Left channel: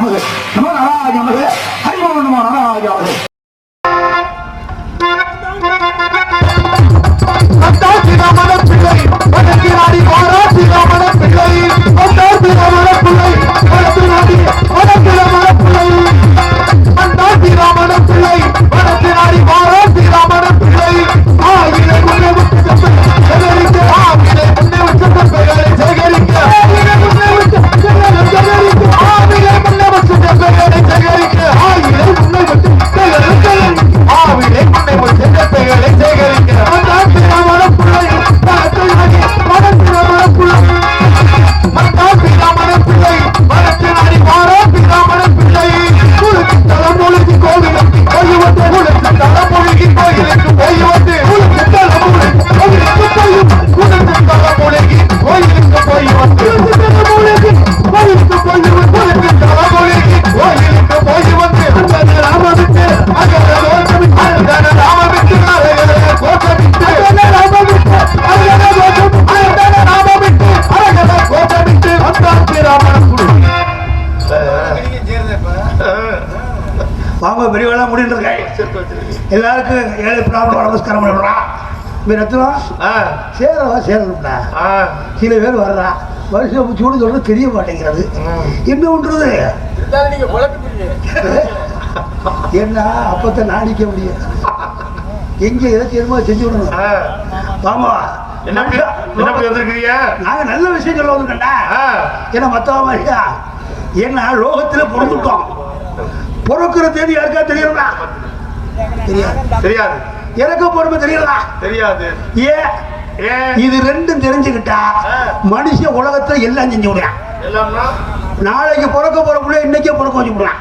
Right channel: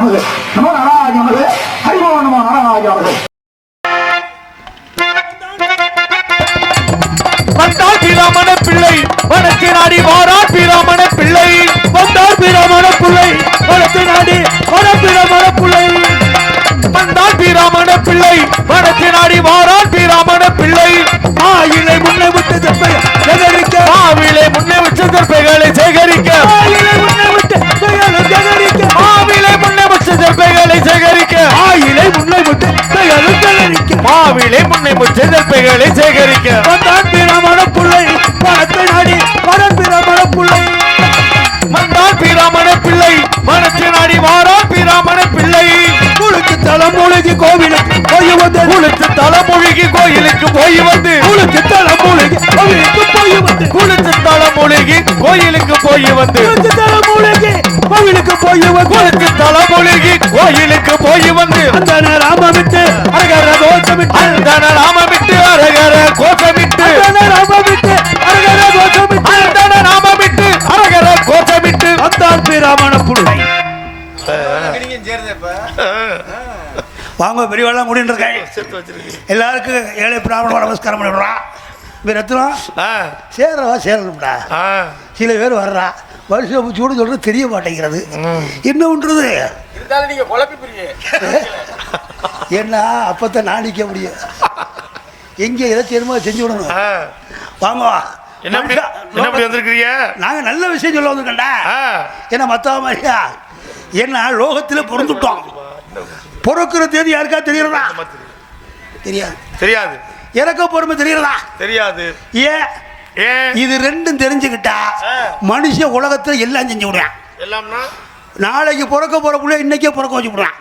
நமது நமோ நாராஜ நமது ஹரிமோ நமோ நாராஜ நமது. ராமன பிள்ளை வடக்கிராடி வாராட்டி ராமன பிள்ளை வந்தாட்டி ராமன பிள்ளை வடக்கிராடி வாராட்டி ராமன பிள்ளை வந்தாட்டி ராமன பிள்ளை வடக்கிராடி வாராட்டி ராமன பிள்ளை ஆயிலை முன்னை விட்டு சேகரிக்க ஆவிலை முன்னை விட்டு செப்பைகளை சேகரிக்க ஆயிலை முன்னை விட்டு செப்பைகளை சேகரிக்க ஆவிலை முன்னை விட்டு செப்பைகளை சேகரிக்க ஆயிலை முன்னை விட்டு செப்பைகளை சேகரிக்க ஆவிலை முன்னை விட்டு செப்பைகளை சேகரிக்க வந்தாட்டி ராமன பிள்ளை வடக்கிராடி வாராட்டி ராமன பிள்ளை வந்தாட்டி ராமன பிள்ளை வடக்கிராடி வாராட்டி ராமன பிள்ளை உடுத்து தலைமுழுகி கோவிலுக்கு போய் வந்து உடுத்து தலைமுழுகி கோயிலுக்கு போய் வந்து உடுத்து தலைமுழுகி கோயிலுக்கு போய் வந்து உடுத்து தலைமுழுகி கோயிலுக்கு போய் வந்து உடுத்து தலைமுழுகி கோயிலுக்கு போய் வந்து உடுத்து தலைமுழுகி கோயிலுக்கு போய் வந்து அந்தன ராம விட்டு அகர கோஷமிட்டு அந்தன ராம விட்டு அரகர கோஷமிட்டு அந்தன ராம விட்டு அகர கோஷமிட்டு அந்தன ராம விட்டு அரகர கோஷமிட்டு வந்தாட்டி ராமன பிள்ளை வாங்க பெரியவெல்லாம் முடிந்து எல்லாருக்கும் ஏழை பிராமணம் நமஸ்காரம் பண்ணிவிடலாம். சேரணும்டா. சில பேர் வர்றா வருஷம் சூடு சொல்றது தெரிய மாட்டேங்கிறது. என்ன பண்றது? என்ன அப்பத்தான் நாடிக்க முடியும். எங்க எதை தெரியுமோ செஞ்சு விடணும். வாமா நாங்க நல்ல விஷயம் சொல்ல வந்துட்டா என்ன மத்தவ மாதிரியா என்ன லோகத்துல பிறந்துட்டோம். பொறுக்கிற தேதி யாருக்கா தெரியுமா? தெரியாது. இறக்க பொறுமை தெரியுதா? தெரியாது. ஏன் இது ரெண்டும் தெரிஞ்சுக்கிட்டா மனுஷன் உலகத்துல எல்லாம் செஞ்சு விடுறான். நாளைக்கு பிறக்க போறவங்கள இன்னைக்கே பிறக்க வச்சு விடுறான்.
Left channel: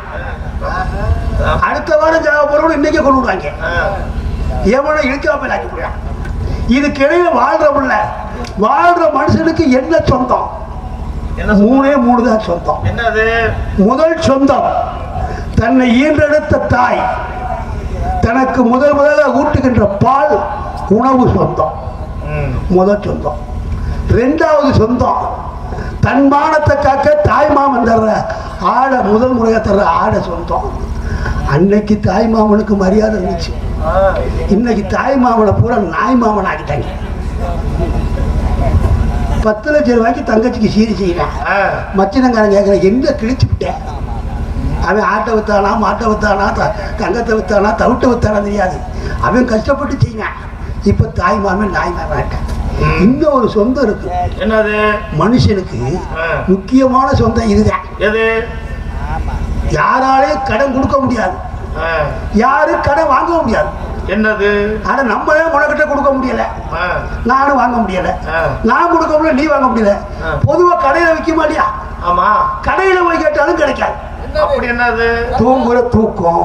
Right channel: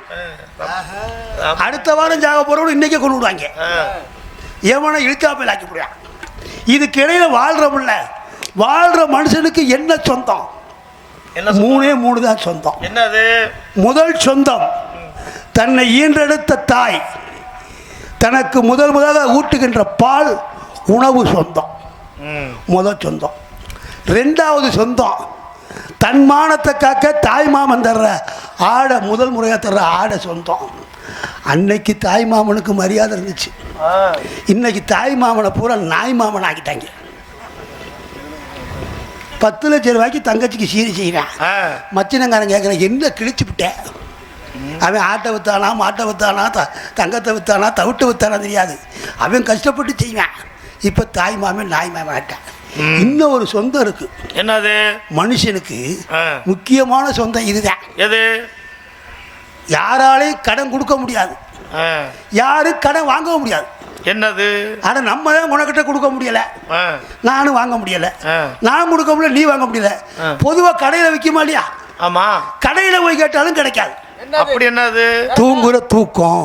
அடுத்த வாரம் ஜாக போறவங்க இன்னைக்கே கொண்டு விடுவாங்க. எவனை இழுக்காமல் ஆக்கி விடுறான். இதுக்கு இடையில வாழ்றவங்கள வாழ்ற மனுஷனுக்கு என்ன சொந்தம்? மூணே மூணு தான் சொந்தம். என்னது? முதல் சொந்தம் தன்னை ஈன்றெடுத்த தாய், தனக்கு முதலாக ஊட்டுகின்ற பால் உணவு சொந்தம், முதல் சொந்தம். ரெண்டாவது சொந்தம் தன் மானத்தை காக்க தாய் மாமன் தர்ற ஆடை, முதல் முறையாக தர்ற ஆடை சொந்தம். அன்னைக்கு தாய் மாமனுக்கு மரியாதை இருந்துச்சு. இன்னைக்கு தாய் மாமனை பூரா நாய் மாமன் ஆகிட்டாங்க. 10 லட்சம் ரூபாய்க்கு தங்கச்சிக்கு சீரி செய்யறான். மச்சினங்காரன் கேட்கறேன் என்ன கிழிச்சு விட்டேன். அவன் ஆட்டை வித்தானா, மாட்டை வித்தானா, தங்கத்தை வித்தானா, தவிட்டை வித்தானா தெரியாது. அவன் கஷ்டப்பட்டு செய்வான். இப்ப தாய் மாமன் நாய் மாமன் ஆட்டான். இன்னும் ஒரு சொந்தம் இருக்கு. என்னது? மனுஷனுக்கு முக்கியமான சொந்தம் இதுதான். எது? யாராலையும் கடன் கொடுக்க முடியாது, யாரும் கடன் வாங்க முடியாது. என்னது? ஆனா நம்மளே உனக்கிட்ட கொடுக்க முடியல, நானும் வாங்க முடியல, நான் கொடுக்க முடியல, நீ வாங்க முடியல. பொதுவா கடையில விற்க மாட்டியா? ஆமா. கடையில போய் கேட்டாலும் கிடைக்காது. அப்படி என்னது? தூங்குற தூக்கம்,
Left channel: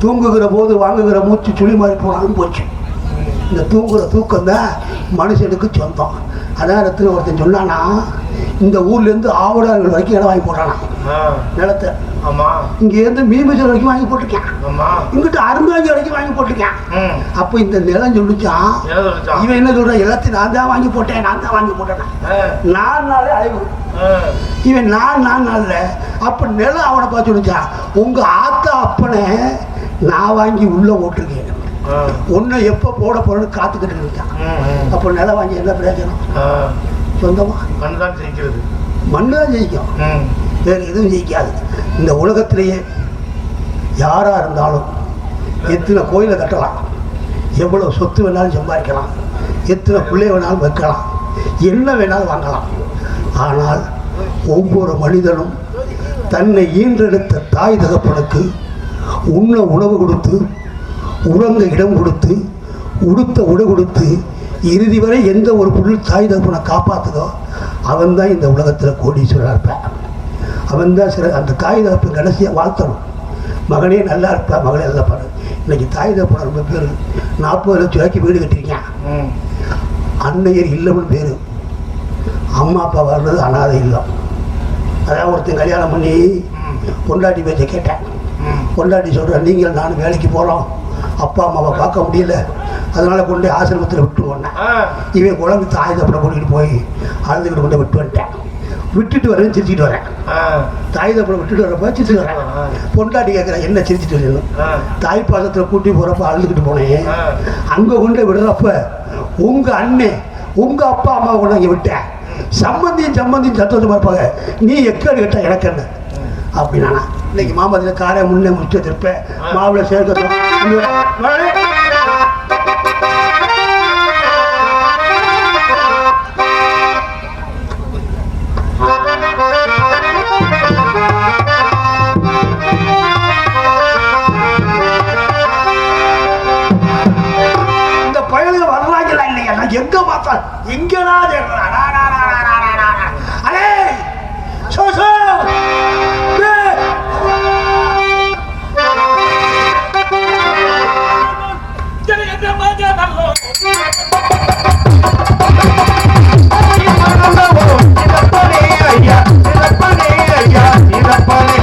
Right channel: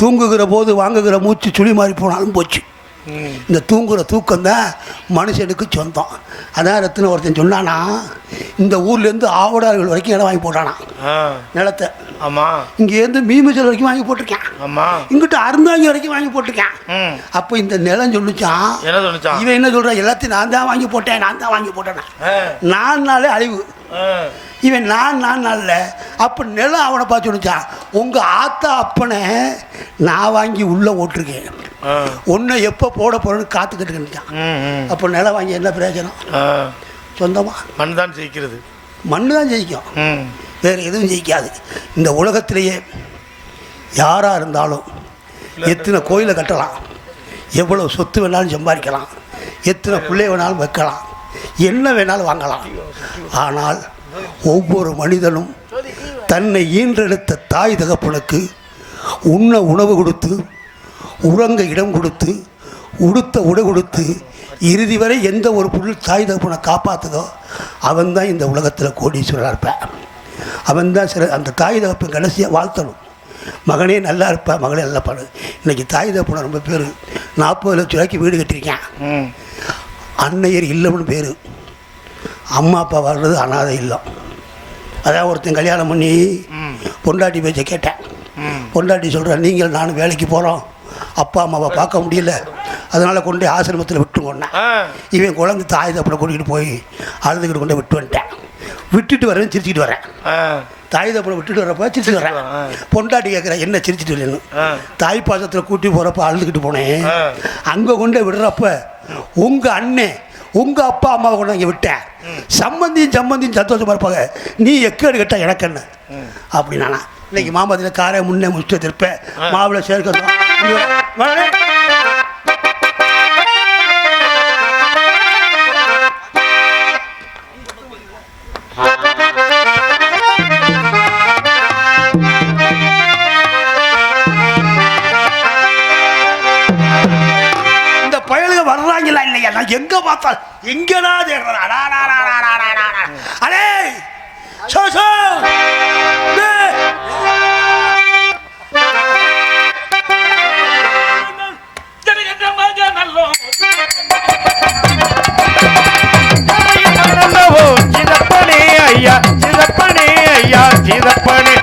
தூங்குகிற போது வாங்குகிற மூச்சு சுழி மாறி போனாலும் போச்சு. இந்த தூங்குற தூக்கம் தான் மனுஷனுக்கு சொந்தம். அதாரத்தில் ஒருத்தன் சொன்னானா, இந்த ஊர்ல இருந்து ஆவடார்கள் வரைக்கும் இடம் வாங்கி போட்டானா நிலத்தை. இங்க இருந்து மீமச்சல் வரைக்கும் வாங்கி போட்டிருக்கேன், இங்கிட்ட அருந்தாங்கி வரைக்கும் வாங்கி போட்டிருக்கேன். அப்ப இந்த நிலம் சொல்லிச்சான், இவன் என்ன சொல்றான், எல்லாத்தையும் நான் தான் வாங்கி போட்டேன், நான் தான் வாங்கி போட்டேன். 4 நாளே அழிவு. இவன் நான் நாள்ல அப்ப நிலம் அவனை பார்த்து சொல்லிச்சான், உங்க ஆத்தா அப்பனை நான் வாங்கி உள்ள ஓட்டிருக்கேன், ஒன்ன எப்ப போட போறேன்னு காத்துக்கிட்டு இருந்துச்சான். அப்ப நிலம் வாங்கி என்ன பிரயோஜனம்? சொந்தமா மண் தான் ஜெயிக்கிறது. மண்ணு தான் ஜெயிக்கும், வேற எதுவும் ஜெயிக்காது. இந்த உலகத்திலேயே யாரா இருந்தாலும் எத்தனை கோயிலை கட்டலாம், எவ்வளவு சொத்து வேணாலும் சம்பாதிக்கலாம், எத்தனை பிள்ளை வேணாலும் வைக்கலாம், என்ன வேணாலும் வாங்கலாம். ஆனால் ஒவ்வொரு மனிதனும் தன்னை ஈன்றெடுத்த தாய் தகப்பனுக்கு உண்ண உணவு கொடுத்து, உறங்க இடம் கொடுத்து, உடுத்த உடை கொடுத்து, இறுதி வரை எந்த ஒரு பொருள் தாய் தகப்பனை காப்பாற்றுதோ அவன் தான் இந்த உலகத்தில் கோடீஸ்வரராக இருப்பான். அவன் தான் அந்த தாய் தகப்பை கடைசியாக வாழ்த்தணும். மகனே நல்லா இருப்பா, மகளே நல்லா பாடு. இன்னைக்கு தாய் தகப்பனை ரொம்ப பேர் 40 லட்சம் ரூபாய்க்கு வீடு கட்டியிருக்கேன், அன்னையர் இல்லம்னு பேர். அம்மா அப்பா வர்றது அனாதை இல்லம். அதான் ஒருத்தன் கல்யாணம் பண்ணி பொண்டாட்டி பேச்சை கேட்டேன். பொண்டாட்டி சொல்கிறேன், நீங்கள் நானும் வேலைக்கு போகிறோம், அப்பா அம்மாவை பார்க்க முடியல, அதனால் கொண்டு போய் ஆசிரமத்தில் விட்டு போனேன். இவன் குழந்தை தாய் தப்பனை கூட்டிகிட்டு போய் அழுதுகிட்டு கொண்டு விட்டு வந்துட்டேன். விட்டுட்டு வரேன் சிரிச்சுட்டு வரேன். தாய் தப்பனை விட்டுட்டு வரப்ப சிரிச்சுட்டு வரேன். பொண்டாட்டி கேட்குறேன் என்ன சிரிச்சுட்டு வரேன். தாய் பாசத்தில் கூட்டி போகிறப்ப அழுதுகிட்டு போனேன். அங்கே கொண்டு விடுறப்ப உங்கள் அண்ணன் உங்கள் அப்பா அம்மா கொண்டு இங்கே விட்டேன். சம்பந்தியும் சந்தோஷமா இருப்பாங்க. நீ எக்கேடு கேட்டா எனக்கு என்ன அப்படின்னா இன்னைக்கு மாமாதிரி காரை முன்னே முடிச்சுட்டு இருப்பேன். மாவுளை சேர்க்க எங்க மாத்தா எங்கடா அரே சோ சோ ஐயா சிதப்படி ஐயா சிதப்படி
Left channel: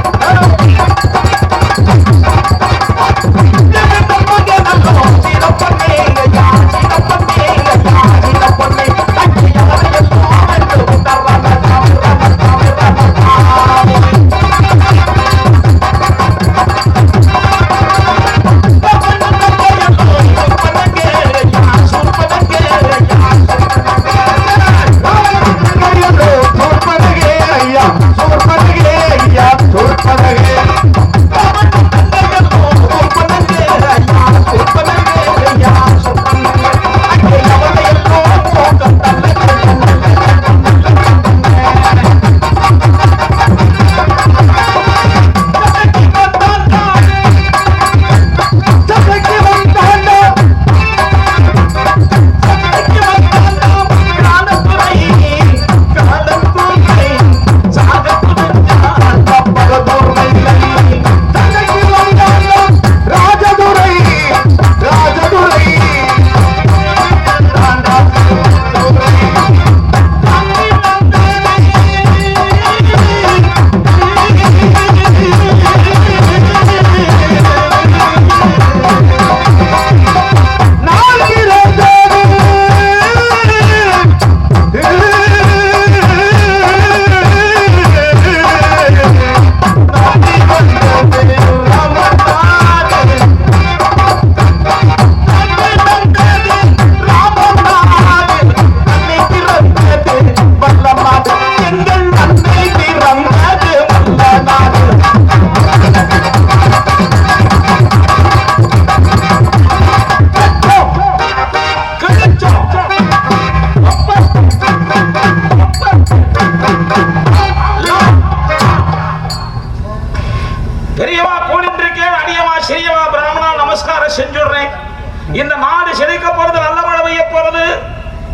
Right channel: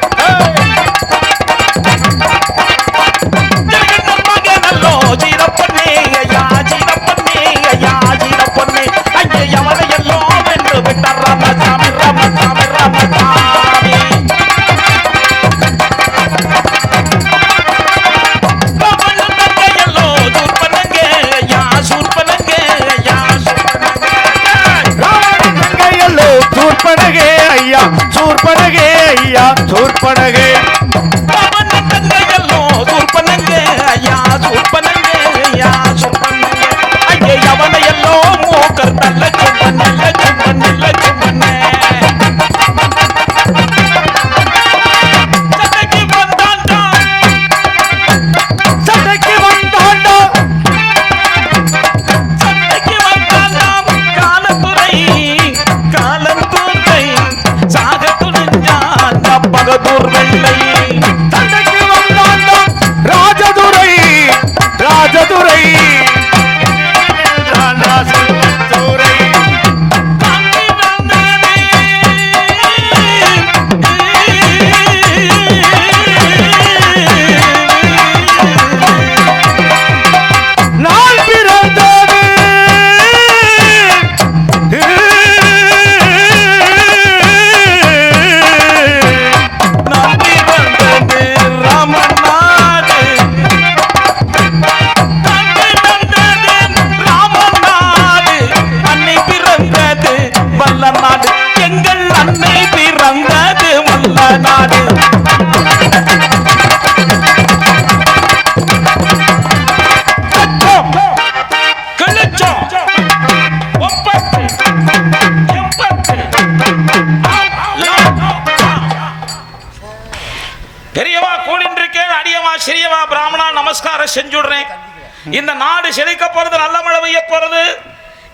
இந்த நாடு செழிக்க போறது, நல்ல மழை பெய்ய போறது.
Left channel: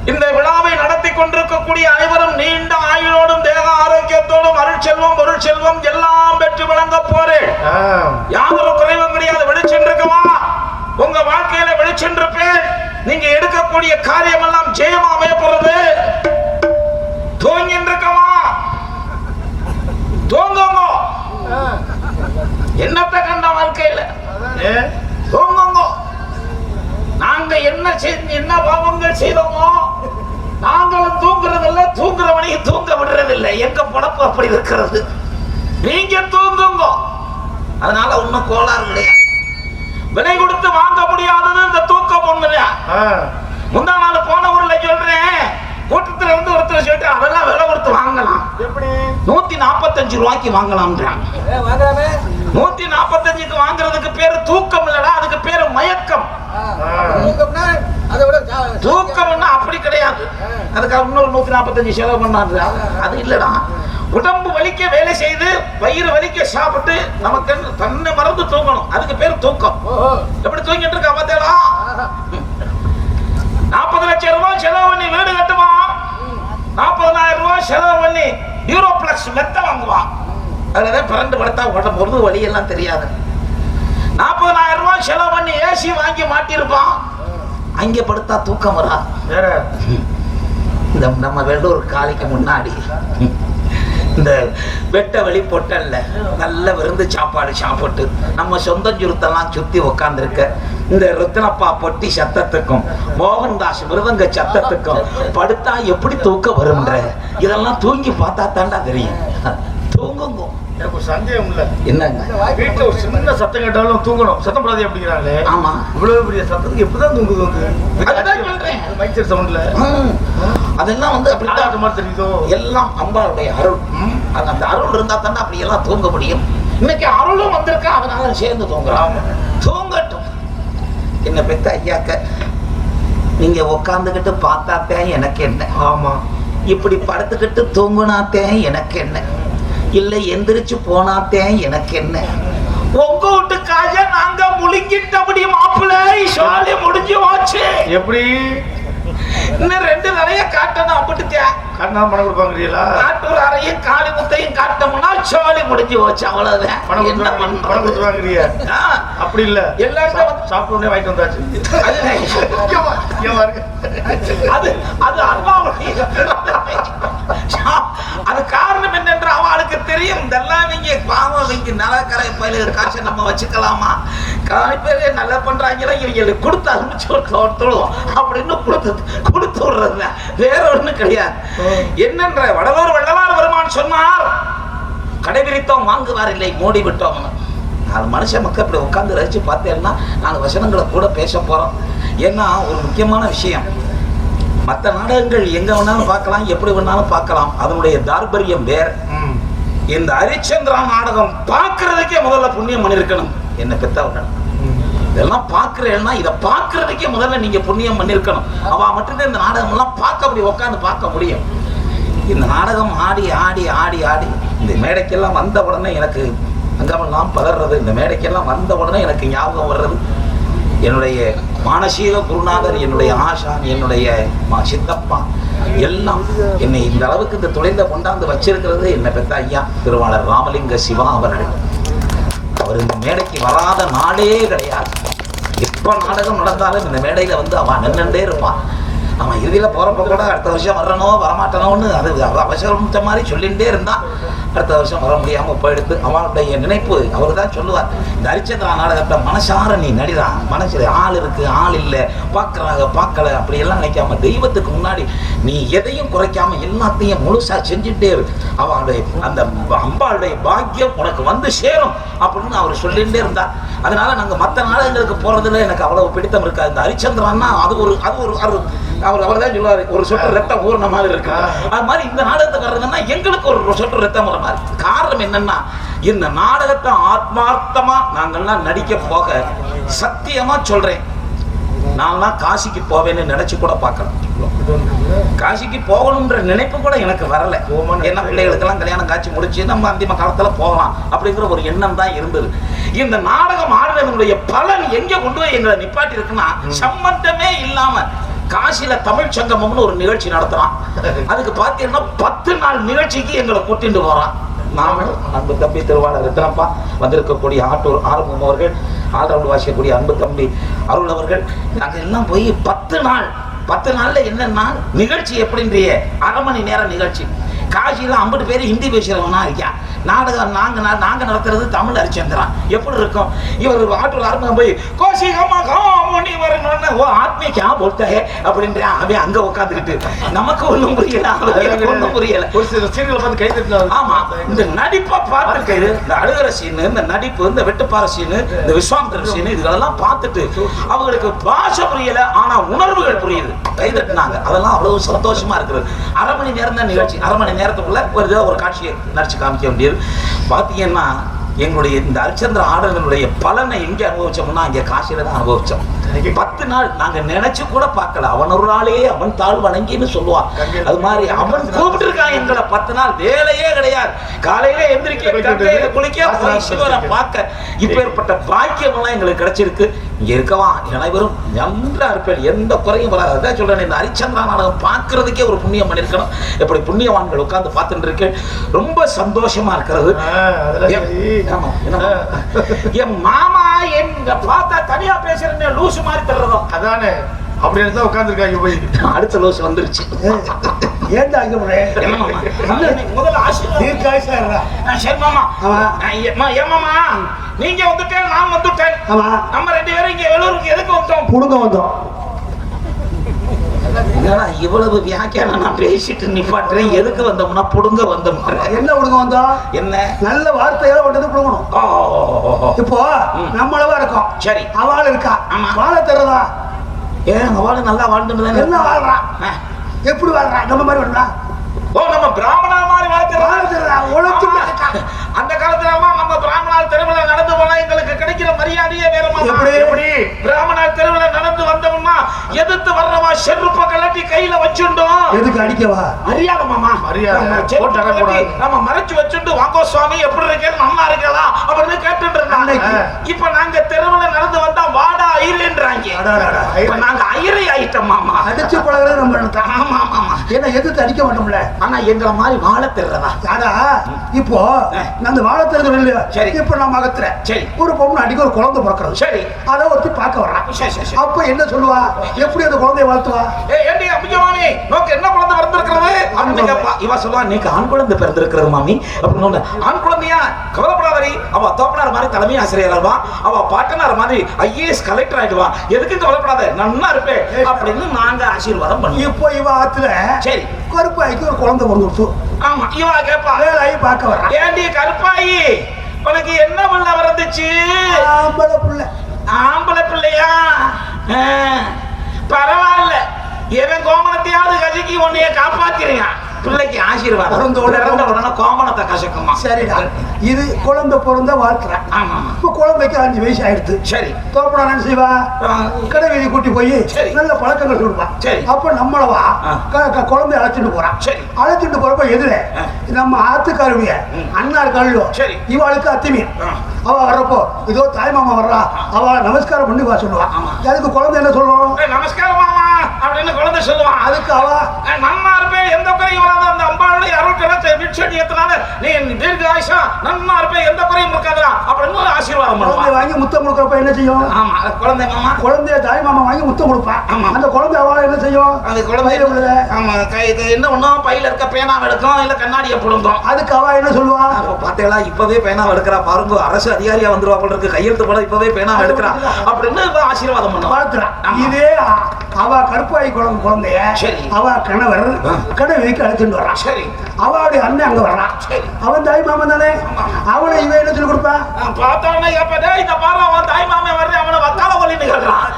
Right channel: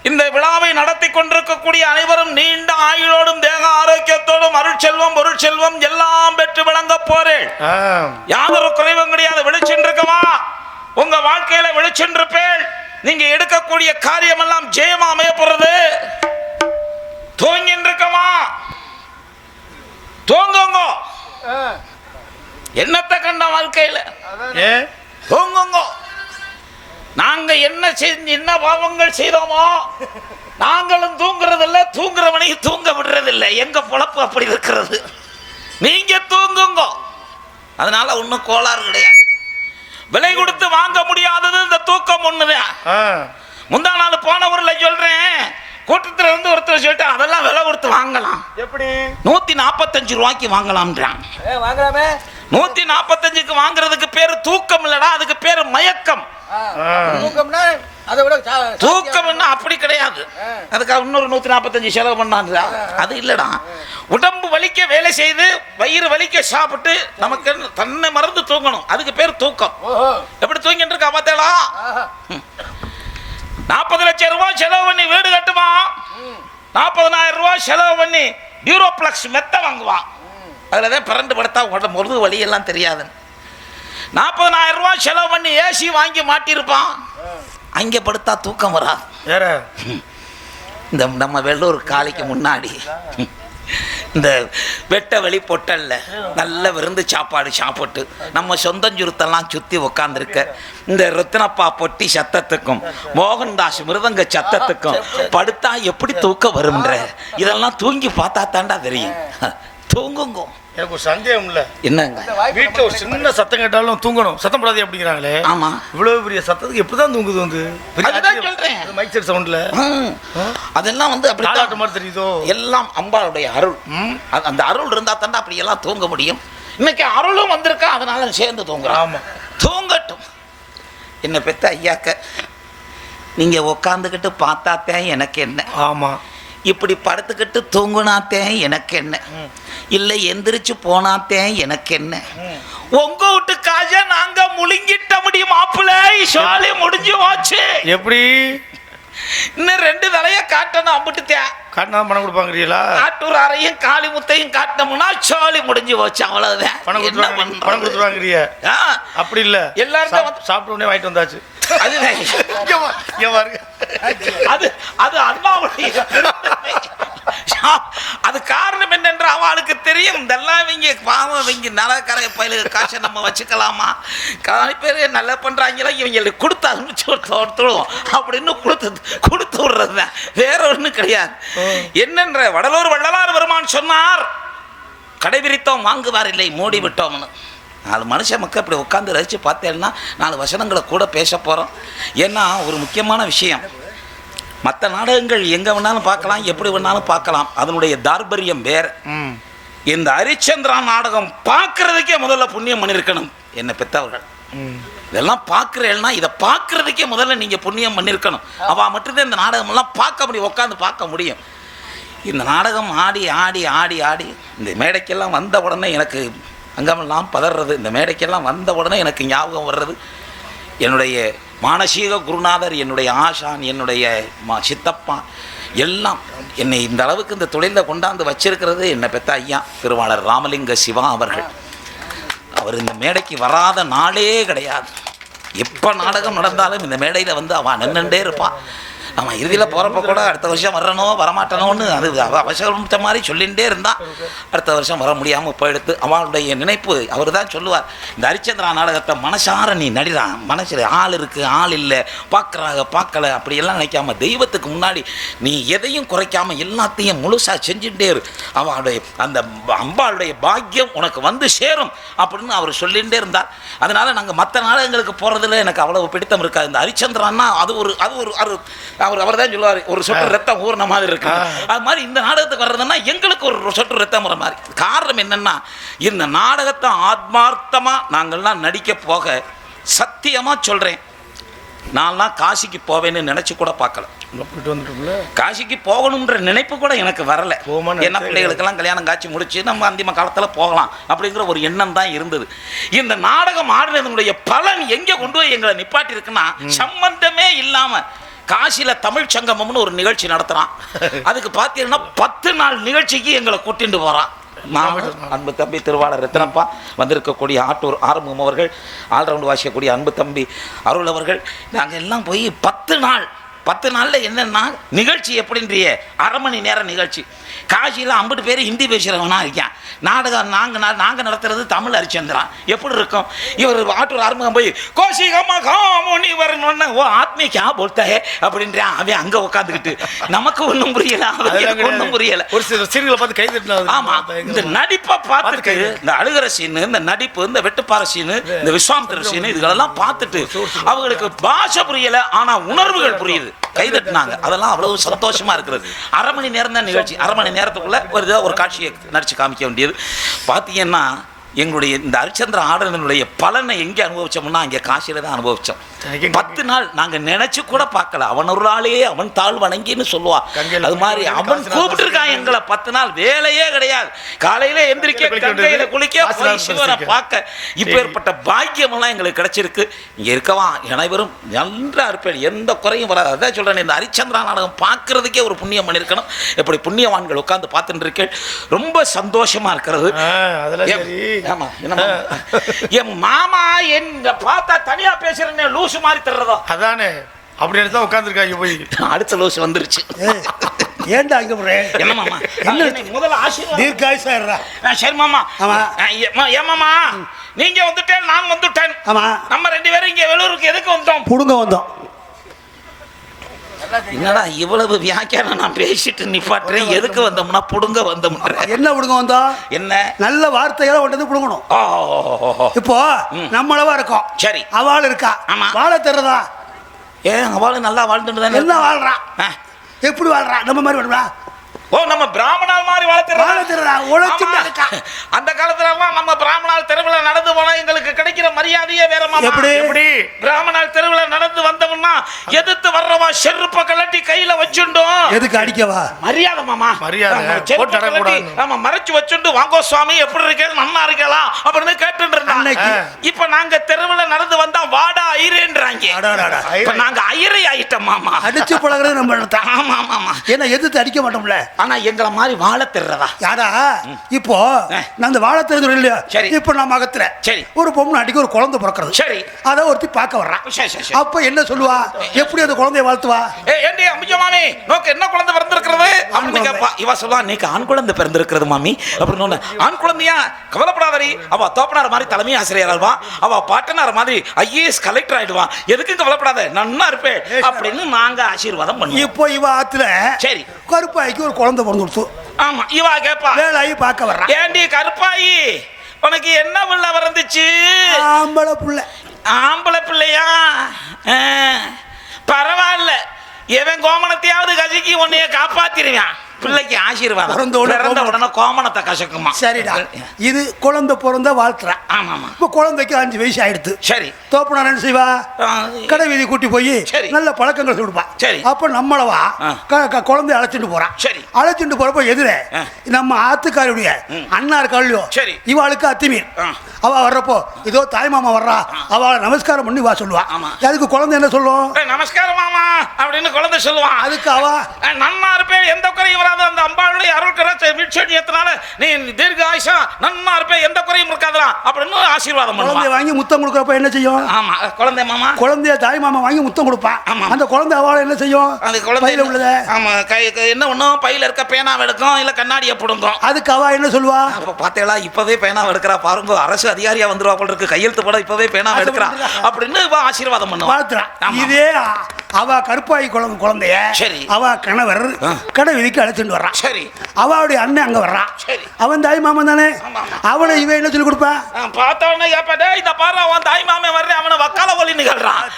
இந்த விழாவை நடத்தி கொண்டிருக்கக்கூடிய அனைவரும் நீண்ட ஆயுளோடும் தேக ஆரோக்கியத்தோடும் அருட்செல்வம் பொருட்செல்வம் எல்லாம் பெற்று வழங்க போறேன். யாரும் குறைவும் கிடையாது. விழிச்சென்றிருக்கமா உங்க வாழ்க்கையில விழிச்சென்றிருப்பேன். நீங்க எடுக்கக்கூடிய காரியம் எல்லாம் ஜெயமா அமைய போறது. தூங்கின்றிருக்கமா தூங்குங்க. என்னத்த கண்ட வாழ்க்கையில தூங்குங்க. நாங்க என்ன செஞ்சு என்ன பாவங்கள் செய்தோமோ நாங்களும் தூங்குறது இல்ல, தூங்குறவனையும் தூங்க விடுறது இல்லை. எங்க பொழப்பு அப்படி இருக்கிறது. நீங்க தூங்குங்க. அதனால ஒன்னும் கோளாறு கிடையாது. விலை கொடுத்து வாங்க முடியாதது இந்த தூக்கம் ஒண்ணுதான். முந்தா நாள் போன ஊர்ல சொல்றேன், கூட்டத்துல இருந்து ஒருத்தர் சொல்லிட்டு அதெல்லாம் விலை கொடுத்து வாங்கலாம். 145 ரூபாய்க்கு வாங்கலாம். 145க்கு வாங்குறதுக்கு பேரு தூக்கம் இல்லடா, அதுக்கு பேரு மயக்கம். தூக்கம் அப்படி கிடையாது. அதுக்கு இன்னொரு 145 செலவு பண்ணாங்களா? அது இல்லடா. உடம்பு வலிக்க வேலை செய்து வயிறு வலிக்க சாப்பிட்டு நமக்கு தன்னை மறந்து தூங்கணும். அதுக்கு பேர் தூக்கம். எப்படி தூங்கிட்டு இருக்க பார்த்தா 40 லட்சம் ரூபாய் செலவு பண்ணி வீடு கட்டுமா, 40,000 ரூபாய் செலவு பண்ணி யூரோப்ளக்ஸ் மெத்த வாங்குவான். அதுலதான் பிறண்டு படுத்தா உடம்பு ஒரு வலி எல்லாம் தெரியாது. 40,000 ரூபாய் செலவு பண்ணி ஏசி வாங்கி மாட்டிருப்பான். அங்கே படுத்தா தூக்கம் வராது. இந்த நம்ம வெள்ளூர் காலைக்கு முன்னாடி இந்த வெட்ட வெளி பொட்டல்ல நல்ல விருந்து சாப்பாடு சாப்பிட்டு நம்ம சொந்த சுருத்தெல்லாம் சுத்தி உக்காந்துருக்க இந்த ரத்னப்பா பொட்டி சத்தத்துக்கும் மோகன்தாஸ் மிருதங்க சத்தத்துக்கும் படுத்தா எப்படி தூக்கம் வரும்ன்ற இதெல்லாம் தூங்கி பார்த்தா தாண்டா தெரியும். தூங்குங்க. எனக்கு ஒரு சந்தேகம் இல்ல. என்னங்க வீட்டுல ஒரு சின்ன சத்தம் கேட்டாலும் தூங்கணும், சத்தம் போடாதே அப்படிங்கிறாங்களே. ஆமா, இவ்வளவு பெரிய சத்தத்துக்கு எப்படிதான் தூங்குது வந்து? அதுதான் சொல்றேன். மைக் செட் சவுண்ட்ல அதெல்லாம் வந்து அப்படித்தான் மாதிரி தெரியுதோ. எல்லாம் அம்பாளுடைய அருள். அந்த அருள் இருந்தா தானே அப்படி எல்லாம் தூங்க முடியும். இன்னைக்கு அருளும் வந்திருக்கா, அதனால சேர்ந்து தூங்கலாம். தூங்கட்டும். என்ன பெத்த ஐயாக்க நீங்க உக்காந்துக்கிட்டு பார்த்தாத்தே எனக்கு என்ன, ஆமா இப்படி படுத்துக்கிட்டு தூங்குனாத்தே எனக்கு என்ன, இல்லை எந்திரிச்சு போனாத்தே எனக்கு என்ன. உங்க வீட்டுக்காக நாங்க முழுங்கிட்ட முடியும் மாப்பிள்ளை. சோழி முடிஞ்சு வாச்சு. எப்படி இன்னும் 2 தலைய காட்டணும். அம்பிட்டுத்தியா காட்டினா பணம் கொடுப்பாங்கிறீங்களா? காட்டூர் அறையும் காளி முத்தையும் காட்டணும்னா சோழி முடிஞ்சு போச்சு. அவ்வளவுதான். பணம் கொடுத்துருவாங்க. அப்படி இல்ல, எல்லாரும் சாப்பிட்டு உடனே வாங்கிட்டு வந்தாச்சு. அது அது அண்ணாவுடைய அது காரணம் என்னென்று அவனுக்கு தெரியும். இதெல்லாம் நீங்க பாவம், நீங்க நலக்கரை பயில காசை நம்ம வச்சுக்கலாமா? காலி பேரு நல்லா பண்றாங்க, இவங்க கொடுத்து அனுப்பிச்சு கொடுத்துடும் அப்படின்னு கொடுத்து விடுறது வேற ஒண்ணு கிடையாது. என்னென்ற வடலூர் வள்ளலார் பெருமான் சொன்னார், கடைபிடித்தோம் வாங்குவார் இல்லை மூடி விட்டோம். 4 மனுஷன் மக்கள் அப்படி உட்காந்து ரசிச்சு பார்த்தேன்னா 4 வசனங்களை கூட பேச போறோம். ஏன்னா ஒரு முக்கியமான விஷயம், மற்ற நாடகங்கள் எங்க வேணாலும் பார்க்கலாம், எப்படி வேணாலும் பார்க்கலாம், அதனுடைய தார்பரியம் வேற. இந்த ஹரிச்சந்திரா நாடகம் பார்க்கறதுக்கே முதல்ல புண்ணியம் பண்ணிருக்கணும். என்ன பெத்தவர்கள் இதெல்லாம் பார்க்கிறேன்னா இதை பார்க்கறதுக்கே முதல்ல நீங்க புண்ணியம் பண்ணிருக்கணும். அவ மட்டும்தான் இந்த நாடகம் எல்லாம் பார்க்க முடியும், உட்காந்து பார்க்க முடியும். இந்த நாடகம் ஆடி ஆடி ஆடி ஆடி இந்த மேடைக்கெல்லாம் வந்த உடனே எனக்கு அங்கமெல்லாம் பதறது. இந்த மேடைக்கெல்லாம் வந்த உடனே எனக்கு ஞாபகம் வர்றது என்னுடைய மானசீக குருநாதர், என்னுடைய ஆசான், என்னுடைய சித்தப்பா எல்லாம் என்னை இந்த அளவுக்கு இந்த தொழில கொண்டாந்து வச்சிருக்கிறது என்ன பெத்த ஐயா திருவாளர் ராமலிங்க சிவா அவர்கள். அவர் இந்த மேடைக்கு வராத நாளே கிடையாது. எப்ப நாடகம் நடந்தாலும் இந்த மேடையில வந்து அவன் நின்றுட்டே இருப்பான். அவன் இறுதியில போறப்ப கூட அடுத்த வருஷம் வரணும் வரமாட்டணும்னு அது அவசரம் மாதிரி சொல்லிகிட்டே இருந்தான். அடுத்த வருஷம் வர முடியாம போயிடுத்து. அவளுடைய நினைப்பு அவர் தான் சொல்லுவார், இந்த ஹரிச்சந்திரா நாடகத்தை மனசார நீ நடிதான், மனசுல ஆள் இருக்கு ஆள் இல்லை, பார்க்கறாங்க பார்க்கல அப்படி எல்லாம் நினைக்காம தெய்வத்துக்கு முன்னாடி நீ எதையும் குறைக்காம எல்லாத்தையும் முழுசா செஞ்சுட்டே இரு. அவளுடைய அந்த அம்பாளுடைய பாக்கியம் உனக்கு வந்து சேரும் அப்படின்னு அவர் சொல்லிகிட்டே இருந்தார். அதனால நாங்க மற்ற நாடகங்களுக்கு போறதுல எனக்கு அவ்வளவு பிடித்தம் இருக்காது. இந்த ஹரிச்சந்திரான்னா அது ஒரு அவர் தான் சொல்லுவாரு, ஒரு சொட்டு ரத்தம் ஊர்ன மாதிரி இருக்கு. அது மாதிரி இந்த நாடகத்துக்கு வர்றதுன்னா எங்களுக்கு ஒரு சொட்டு ரத்தம் வர மாதிரி. காரணம் என்னன்னா, இந்த நாடகத்தை ஆத்மார்த்தமா நாங்கள்லாம் நடிக்க போக சத்தியமா சொல்றேன், நான்லாம் காசிக்கு போவேன்னு நினைச்சு கூட பார்க்கறேன். காசிக்கு போகணும்ன்ற நினைப்பு கூட எனக்கு வரல. ஏன்னா பிள்ளைகளுக்கெல்லாம் கல்யாணம் காட்சி முடிச்சு நம்ம அந்திம காலத்துல போகலாம் அப்படிங்கிற ஒரு எண்ணம் தான் இருந்தது. இந்த நாடகம் ஆடுறதுடைய பலன் எங்க கொண்டு போய் எங்களை நிப்பாட்டி இருக்குன்னா, சம்பந்தமே இல்லாம காசில தமிழ் சங்கமம்னு ஒரு நிகழ்ச்சி நடத்துறான். அதுக்கு பாத்தீங்கன்னா 10 நாள் நிகழ்ச்சிக்கு எங்களை கூட்டிட்டு போறான். நாங்களும் அன்பு தம்பி திருவாளர் ரத்னப்பா, வந்திருக்கக்கூடிய ஆட்டூர் ஆரம்பம் அவர்கள், ஆல்ரவுண்ட் வாசிக்கக்கூடிய அன்பு தம்பி அருள் அவர்கள், நாங்க எல்லாம் போய் 10 நாள்ல என்னன்னா நிகழ்ச்சி எப்படின்றிய 1/2 மணி நேரம் நிகழ்ச்சி. காசியில 50 பேர் ஹிந்தி பேசுறவனா இருக்கேன். நாடகம் நாங்க நடத்துறது தமிழ் ஹரிச்சந்திரா எப்படி இருக்கும். இவர் ஆட்டூர் ஆரம்பம் போய் கோஷிகமா காமோனி வரணும்னு ஓ ஆத்மிகா போட்ட அப்படின்றான். அவன் அங்க உட்காந்துக்கிட்டு நமக்கு ஒண்ணும் புரியல, அவனுக்கு ஒண்ணும் புரியல. ஒரு சில சீரியல் பார்த்து கை தட்டலாம். ஆமா, இந்த நடிப்பை பார்த்துட்டு இந்த அழுகிற சீனு, இந்த நடிப்பு, இந்த வெட்டுப்பாறை சீனு, இந்த விஸ்வாமித்திர சீனு இதெல்லாம் பார்த்துட்டு அவங்களுக்கு பாஷை புரியல, ஆனா உணர்வுகள் புரியுது, கை தட்டினாங்க. அதெல்லாம் அவ்வளவு சந்தோஷமா இருக்குது. 1/2 மணி நேரம் தான் நிகழ்ச்சி. 1/2 மணி நேரத்துக்குள்ள ஒரு காட்சியை நடிச்சு காமிக்க வேண்டியது. பாத்தீங்கன்னா எங்களுடைய இந்த ஹரிச்சந்திர ஆடலுடைய பலனை எங்க அனுபவிச்சோம்னா அங்க காசியில தான் அனுபவிச்சோம். 10 நாள் நாங்க நினைச்சு கூட பார்க்கல. அவனொருளாலே அவன் தாழ் வணங்கின்னு சொல்லுவான். அது மாதிரி அவன் கூப்பிட்டு இருக்கான் எங்களை. 10 நாள் வேலையே கிடையாது. காலையில எந்திரிக்க, கங்கையில குளிக்க, சிவனை பார்க்க, இப்ப ஏற்பட்ட பாக்கியம் எல்லாம் எங்களுக்கு கிடைச்சிருக்கு. இங்க இருக்கவா அனைவரும் நல்லா இருப்பேன், எந்த குறையும் வராது. அதான் சொல்றேன், இந்த ஹரிச்சந்திரா நாடகம் பார்க்கறதுக்கே ஒரு புண்ணியம் பண்ணிருக்கணும். எப்படி புண்ணியவான்கள் உட்கார்ந்து பார்த்துட்டு இருக்கேன், ரொம்ப சந்தோஷமா இருக்கிறது. என் மாமா எங்க பார்த்தா தனியா பேசுறேன் லூசு மாதிரி தர்றதோ. அதானே அப்படின்னு தான் உட்காந்துருக்காங்க போய். அடுத்த லோஸ் வந்துருச்சு. ஏன்டா அங்க போறேன்? என்ன மாமா? முதல்ல ஆசீர்வாதம். தீர்க்காயுசா இருடா. சரி மாமா. ஆமா. ஏமாமா நீங்க வந்துட்டேன், நான் வந்துட்டேன். ஆமா. நம்ம 2 பேரும் இங்க வெளியூருக்கு எதுக்கு வந்தோம்? புடுங்க வந்தோம். என்னடா இவ்வளவு வியாக்கியானம் நான் பேசிட்டு நிப்பாட்டுறேன். எதுக்கு வந்தோம்னா புடுங்க வந்தோம். என்ன புடுங்க வந்தோம்? என்ன நல்ல வார்த்தைகளை ஒன்று புடுங்கணும். இப்போ நம்மளவா இருக்கோம். சரி. அவள் இருக்கா. ஆமா. வாழ தெரியதா? ஏன் அவளு நல்லா வாழ்ந்துட்டு என்ன வாழ்றா? எப்படி வாழ்றா? நம்ம மாதிரி வாழ்றா? ஓ நம்ம பிராமணர் மாதிரி வாழ்த்துறா. உழைச்சு அந்த காலத்துல நம்ம பிராமணர் திருவிழா நடந்து போனா எங்களுக்கு கிடைக்கிற மரியாதையே வேற மாமா. எப்படி? பிராமணர் திருவிழா நடந்து வந்தோம்னா எதிர்த்து வர்றவா செருப்ப கலட்டி கையில வச்சுட்டோம். எதுக்கு அடிக்கவா? மரியாதை மாமா. மரியாதை. நம்ம மறைச்சு வச்சுட்டு வாங்கோ சுவாமி எப்படி இருக்கேன், நல்லா இருக்கலாம் அப்படின்னு கேட்டுட்டு இருக்காங்க. இப்ப நாங்க தெருவுல நடந்து வந்தா வாடா ஐயருன்றாங்க. இப்ப நாங்க ஐயரை ஆயிட்டோம் மாமா. அடிச்சு பழகுறது நம்ம. ஆமா ஆமா. ஏன்னா எதிர்த்து அடிக்க மாட்டோம்ல. ஆனா எங்களை மாதிரி வாழ தெரியறதா? யாரா இப்போ நான் அந்த வாழ தெரியல இல்லையா? இப்ப நான் மகத்துல ஒரு பொண்ணு அடிக்க ஒரு குழந்தை பிறக்கிறது. சரி. அதை ஒருத்தி பார்க்க வர்றான். அப்ப என்ன சொல்லுவா? எப்படி அந்த குழந்தைய வாழ்த்துவா? ஏண்டி அம்மிஜமானி நோக்கு என்ன குழந்தை பிறந்திருக்கிறது அப்படின்னு கேப்பா. இவ சொல்லுவா நீங்க ஆண் குழந்தை பிறந்திருக்கிறது மாமி அப்படின்னு. ஆண் குழந்தையா? கவலைப்படாதடி. அவ தோப்பனார் மாதிரி தலைமை ஆசிரியர் ஆடுவா. அவ பாட்டனார் மாதிரி ஐஏஎஸ் கலெக்டர் ஆயிடுவா. எதுக்கு கவலைப்படாத நன்னா இருப்பே அப்படின்னு நாங்க ஆசீர்வாதம் பண்ணி. இப்போ இவ ஆத்துல சரி கருப்பாய்க்கு ஒரு குழந்தை பிறந்துடுச்சு. ஆமா. இவ கேப்பா வேலாயி பார்க்க வர்றா. ஏண்டி கருப்பாயி உனக்கு என்ன பிள்ளை வந்துச்சு? ஆம்பளை பிள்ளை. ஆம்பளை பிள்ளையா? பரவாயில்ல. எவன் கோமணத்தையாவது கசக்கி உன்னைய காப்பாத்திருக்கான். பிள்ளைக்கு ஆசீர்வாதம் உடனே கோமணத்தை கசக்குமா? சரிடா. இது குழந்தை பிறந்த வாழ்க்கை. ஆமா. இப்ப குழந்தைக்கு 5 வயசு ஆயிடுச்சு. சரி. தோப்பனார் என்ன செய்வா? கடை வீதி கூட்டி போய் நல்ல பழக்கங்கள் சொல்லுவா. அப்ப நம்மளவா குழந்தை அழைச்சிட்டு போறான். அழைச்சிட்டு போறப்ப எதிரே நம்ம ஆத்துக்காருடைய அண்ணா இருக்காளோ இவாளுக்கு அத்திமீன். அவ வர்றப்போ இதோ தாய் மாமா வர்றா, அவ நமஸ்காரம் பண்ணி வா சொல்லுவா. அதுக்கு குழந்தை என்ன சொல்லுவோம்? நமஸ்காரம் மாமா அப்படின்னு குழந்தை சொல்லுவான். அதுக்கு அவ நன்னா இருப்பேன், எந்த குறையும் வராது, அந்த அம்பாளுடைய அருள்கரத்தை விட்சடி ஏத்துனால நீ தீர்க்க ஆயுஷா நன்னா இருப்பேன், எந்த குறையும் இருக்காதா அப்படின்னு ஆசீர்வாதம் பண்ணுவான். வாங்கி முத்தம் கொடுக்கறப்ப என்ன செய்யும்? ஆமா. குழந்தை மாமா குழந்தைய தாய் மாமா வாங்கி முத்தம் கொடுப்பா. அந்த குழந்தை அவளை என்ன செய்யும்? அந்த குழந்தை ஆமா என்ன பண்ணும்? பையில இருக்க பேனா எடுக்கும், இல்ல கண்ணாடியை புடுங்கும். அதுக்கு அவ என்ன சொல்லுவா? பாத்தீங்களா இப்பவே பேனா எடுக்கிறா பாருங்க, அரசு அதிகாரியா வந்துருவா போல இருக்கு, கையெழுத்து போல இப்பவே பேனா எடுக்கிறா அப்படின்னு ஆசீர்வாதம் பண்ணுவா. இதே அவ கருப்பாயி குழந்தைய அவ கணவர் கடை வீதிக்கு அழைச்சிட்டு வர்றான். சரி. அவளுடைய அண்ணன் அங்க வர்றான். அவன் தாய் மாமன் தானே. அவளை இவன் என்ன சொல்லி கொடுப்பா? பார்த்தவனே இந்த பாரு அவன் தாய் மாமன் வர்றேன், அவனை வக்கால கொல்லி நிகழ்றான்,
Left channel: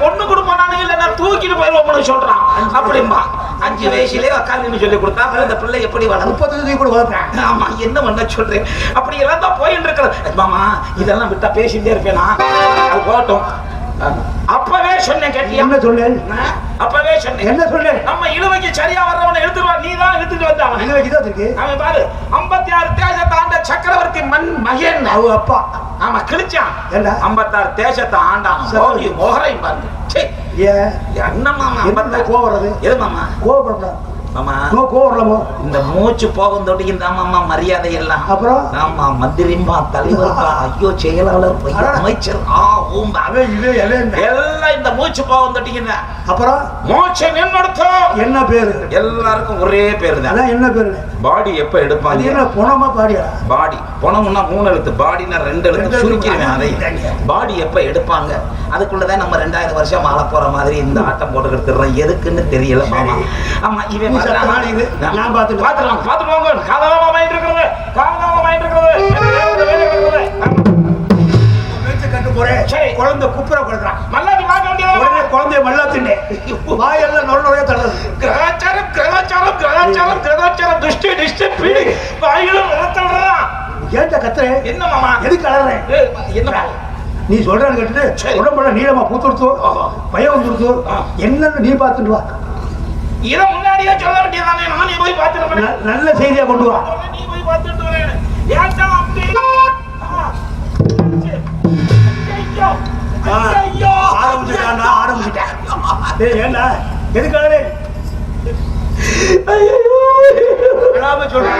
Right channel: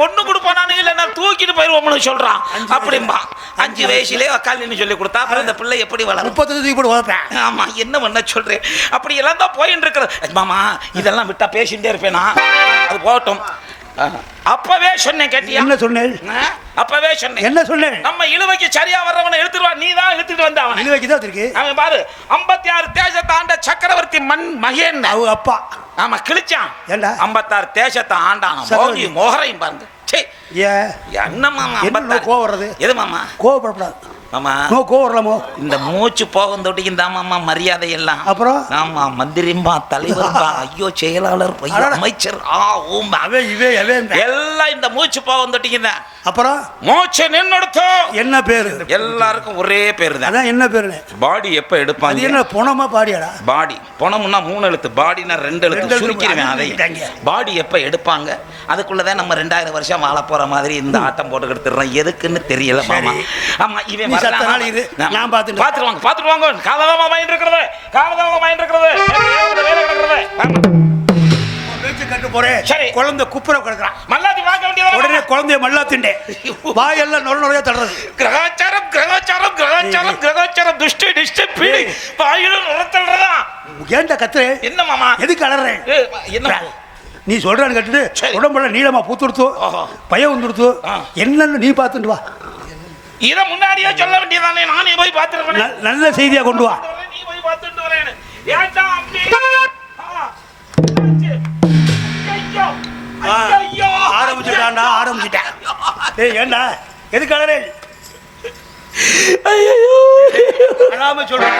பொண்ணு கொடுப்பானு இல்லைன்னா தூக்கிட்டு போயிருவோம்னு சொல்றான். அப்படிமா 5 வயசுலயே வக்காலின்னு சொல்லி கொடுத்தா அந்த பிள்ளை எப்படி வளரும்? 30 கூட வளர்ப்பேன். ஆமா. என்ன பண்ண சொல்றேன்? அப்படி எல்லாம் தான் போயிட்டு இருக்கிறது மாமா. இதெல்லாம் விட்டா பேசிட்டே இருப்பேனா? அது போகட்டும். அப்பவே சொன்னேன், கேட்டியா? என்ன சொன்னேன்? அப்பவே சொன்னேன். என்ன சொன்னேன்? நம்ம இழுவைக்கு சரியா வர்றவனை எடுத்துட்டு வா. நீ தான் எடுத்துட்டு வந்த அவன். இழுவைக்கு தான் இருக்கு. அவன் பாரு 56 தேசத்தை ஆண்ட சக்கரவர்த்தி மகன் அவ அப்பா. ஆமா கிழிச்சான். 56 தேசத்தை ஆண்டான். சோழி மோகரை பாருங்க. சே ஏ என்ன மாமா 56 கோவம் வருது? எது மாமா? கோவப்படாத மாமா. நோ கோவறலமோ. இந்த மூச்சு போகும் தொட்டிக்கு தான் மாமா மரியாதை எல்லாம். அப்புறம் ஆமா மந்திரிமா தலைவர்மா ஐயோ செயலாளர் அமைச்சர் எல்லாம் இந்த மூச்சு போகும் தொட்டிக்கு தான். அப்புறம் மூச்சு நின்னுடுத்தோ என்ன பேரு? எல்லாருக்கும் ஒரே பேரு தான். என்ன பேரு? பாடி எப்ப எடுப்பாங்க? என்ன பொணமா பாடியா? பாடி பொணம்னா 3 எழுத்து, பாடினா 2 எழுத்து சுருக்கிடுவேன். அதை பாடி எப்ப எடுப்பாங்க? அதுக்குள்ளதான் நம்ம 2000 வருஷம் வாழ போற மாதிரி இந்த ஆட்டம் போட்டு எடுத்துறோம். எதுக்குன்னு தெரியல மாமா. ஆமா இவன் இது நான் பாத்துட்டு வாங்க. காவலாமா வாங்கிட்டு இருக்கிறது, காவலாமா வாங்கிட்டு இருக்கிறது. கட்டு போறேன். குழந்தை குப்புற கிடக்குறான். மல்லாதி வாங்க வேண்டியது. உடனே குழந்தைய மல்லா தின்னே வாயெல்லாம் நொறைய தள்ளது. கிரகாச்சாரம் கிரகாச்சாரம் கிரகாச்சாரம் கிரகாச்சாரம் துஷ்டி நிஷ்டி பீடி வாயிலும் வளர்த்தவரா. ஏன்டா கத்துற? என்ன மாமா? எதுக்கு அழறேன்? என்ன நீ சொல்றேன்னு கேட்டுட்டு உடம்புல நீளமா பூத்துடுத்தோ பயம் வந்துடுத்தோ என்னன்னு நீ பார்த்துட்டு வா. இதை முன்னாடியே சொல்ல வேண்டியதானே? நானே போய் பார்த்துருவேன். நல்ல செய்தியா கொண்டு வா. நீ போய் பார்த்துட்டு வரேன். ஏன்டா அப்படி? ஐயோ ஆரம்பிச்சுட்டா. நான் ஆரம்பிச்சிட்டேன். ஏய் ஏண்டா எதுக்காக? ஐயோ அழாம சொல்றேன்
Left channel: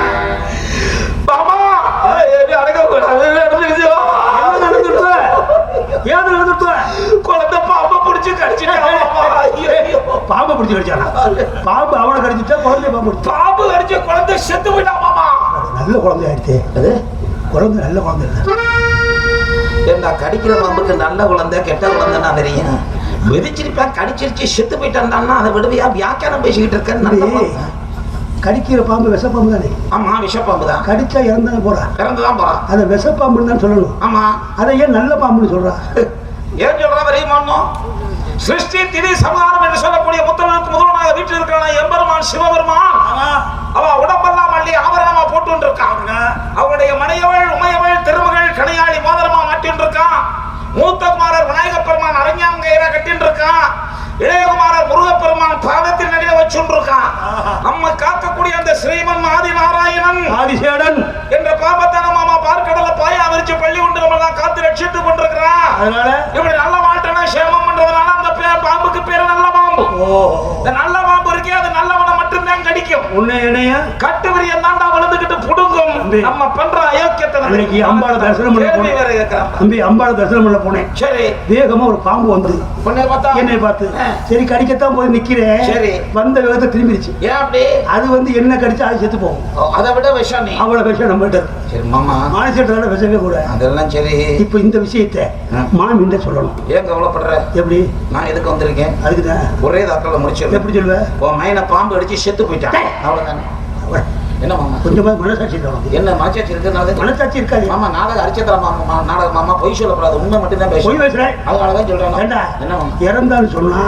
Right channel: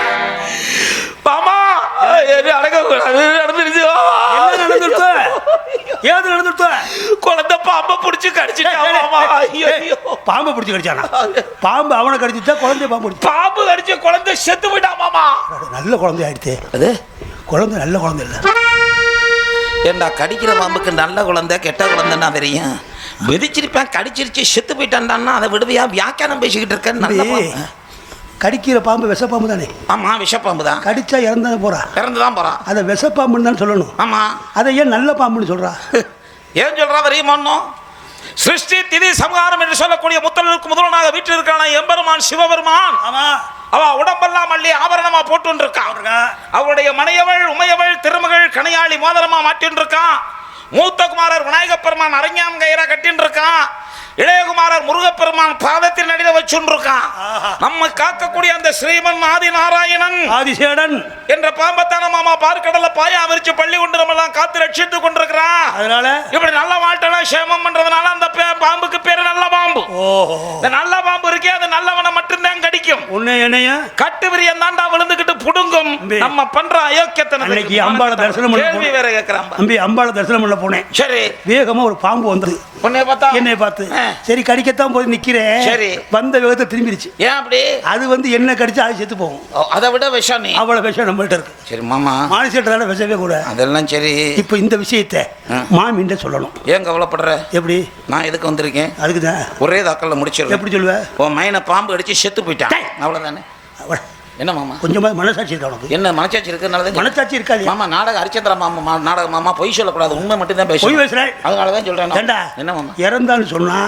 மாமா. என்ன நடந்துருச்சு? ஏன் நடந்துருச்சு? குழந்தை பாம்பை பிடிச்சு கடிச்சிட்டா மாமா. ஐயோ பிடிச்சி கடிச்சானா? பாம்பு அவனை கடிச்சிட்டா குழந்தைய பாம்பு பாம்பு கடிச்ச குழந்தை செத்து போயிட்டா மாமா. நல்ல குழந்தை ஆயிடுச்சு. அது குழந்தை நல்ல குழந்தை இல்லை. ஏண்டா கடிக்கிற பாம்புக்கு நல்ல குழந்தை கெட்ட குழந்தைன்னா தெரியும். விதிச்சிருப்பேன் கடிச்சிருச்சு செத்து போயிட்டான்னா அதை விடுவியா வியாக்கியானம் பேசிக்கிட்டு இருக்கேன். கடிக்கிற பாம்பு விஷப்பாம்பு தானே? ஆமா விஷப்பாம்பு தான். கடிச்சா இறந்தானே போறா. இறந்துதான் போறா. அதை விஷப்பாம்புன்னு தான் சொல்லணும். ஆமா அதை ஏன் நல்ல பாம்புன்னு சொல்றா? ஏன் சொல்றா தெரியுமா? சிருஷ்டி திதி சம்ஹாரம் என்று சொல்லக்கூடிய முத்தனுக்கு முதல்வனாக வீட்டில் இருக்கிறான் எம்பெருமான் சிவபெருமான். அவ உடம்பெல்லாம் அள்ளி ஆபரணமா போட்டு இருக்கான். அவருடைய மனையவள் உமையவள் திருமகள் கணையாளி மோதிரமா மாட்டின்னு இருக்கான். மூத்த குமாரர் விநாயக பெருமான் அரங்காங்கயிற கட்டின்னு இருக்கான். இளையகுமாரர் முருகப்பெருமான் பாதத்தில் நடிக வச்சுட்டு இருக்கான். நம்ம காக்கக்கூடிய அந்த ஸ்ரீமன் ஆதி நாராயணன் ஆதிசேடன் என்ற பாம்பத்தான மாமா பார்க்கடல பாயா விரிச்சு பள்ளி கொண்டு நம்மளாம் காத்து ரட்சித்துக் கொண்டிருக்கிறான். அதனால இப்படி நல்ல மாட்டனா சேமம் பண்றதுனால அந்த பேர் பாம்புக்கு பேர் நல்ல பாம்பு. இந்த நல்ல பாம்பு இருக்கே அது நல்லவனை மட்டும்தான் கடிக்கும். உன்னை என்னைய கட்டு விரியன் தாண்டா வளர்ந்துகிட்டு புடுங்கும். நம்ம பண்ற அயோக்கியத்தை அம்பாளை தரிசனம் கேள்வி வேற கேட்கிறான். தம்பி அம்பாளை தரிசனம் பண்ண போனேன். சரி வேகமா ஒரு பாம்பு வந்தது. என்னை பார்த்து சரி கடிக்கத்தான் போய் நிக்கிறேன். சரி வந்த வேகத்தை திரும்பிடுச்சு. ஏன் அப்படி? அது வந்து என்ன கடிச்சா அது செத்து போகும். அதை விட விஷம் நீ அவ்வளவு விஷம் நம்ம கிட்ட. சரி மாமா மானிசேட்டால விஷமே கூட. அதெல்லாம் சரி. இப்ப இந்த விஷயத்தை மாமின்ட சொல்லணும். ஏன் கவலைப்படுற? எப்படி? நான் எதுக்கு வந்திருக்கேன்? அதுக்குதான் ஒரே தாக்கல முடிச்சிருக்கேன். எப்படி சொல்லுவ? உன் மையனை பாம்பு அடிச்சு செத்து போயிட்டான். அவ்வளவுதானே. என்ன மாமா? கொஞ்சமா மனசாட்சி இருக்கணும். என்ன மனசாட்சி இருக்குனால மனசாட்சி இருக்காது. மாமா நாடகம் அரிச்சதா மாமா நாடகம் மாமா பொய் சொல்லக்கூடாது. உண்மை மட்டும் தான் பொய் பேசுறேன். அதனாலதான் சொல்றேன். ஏண்டா என்ன மாமா இறந்தான்னு சொன்னா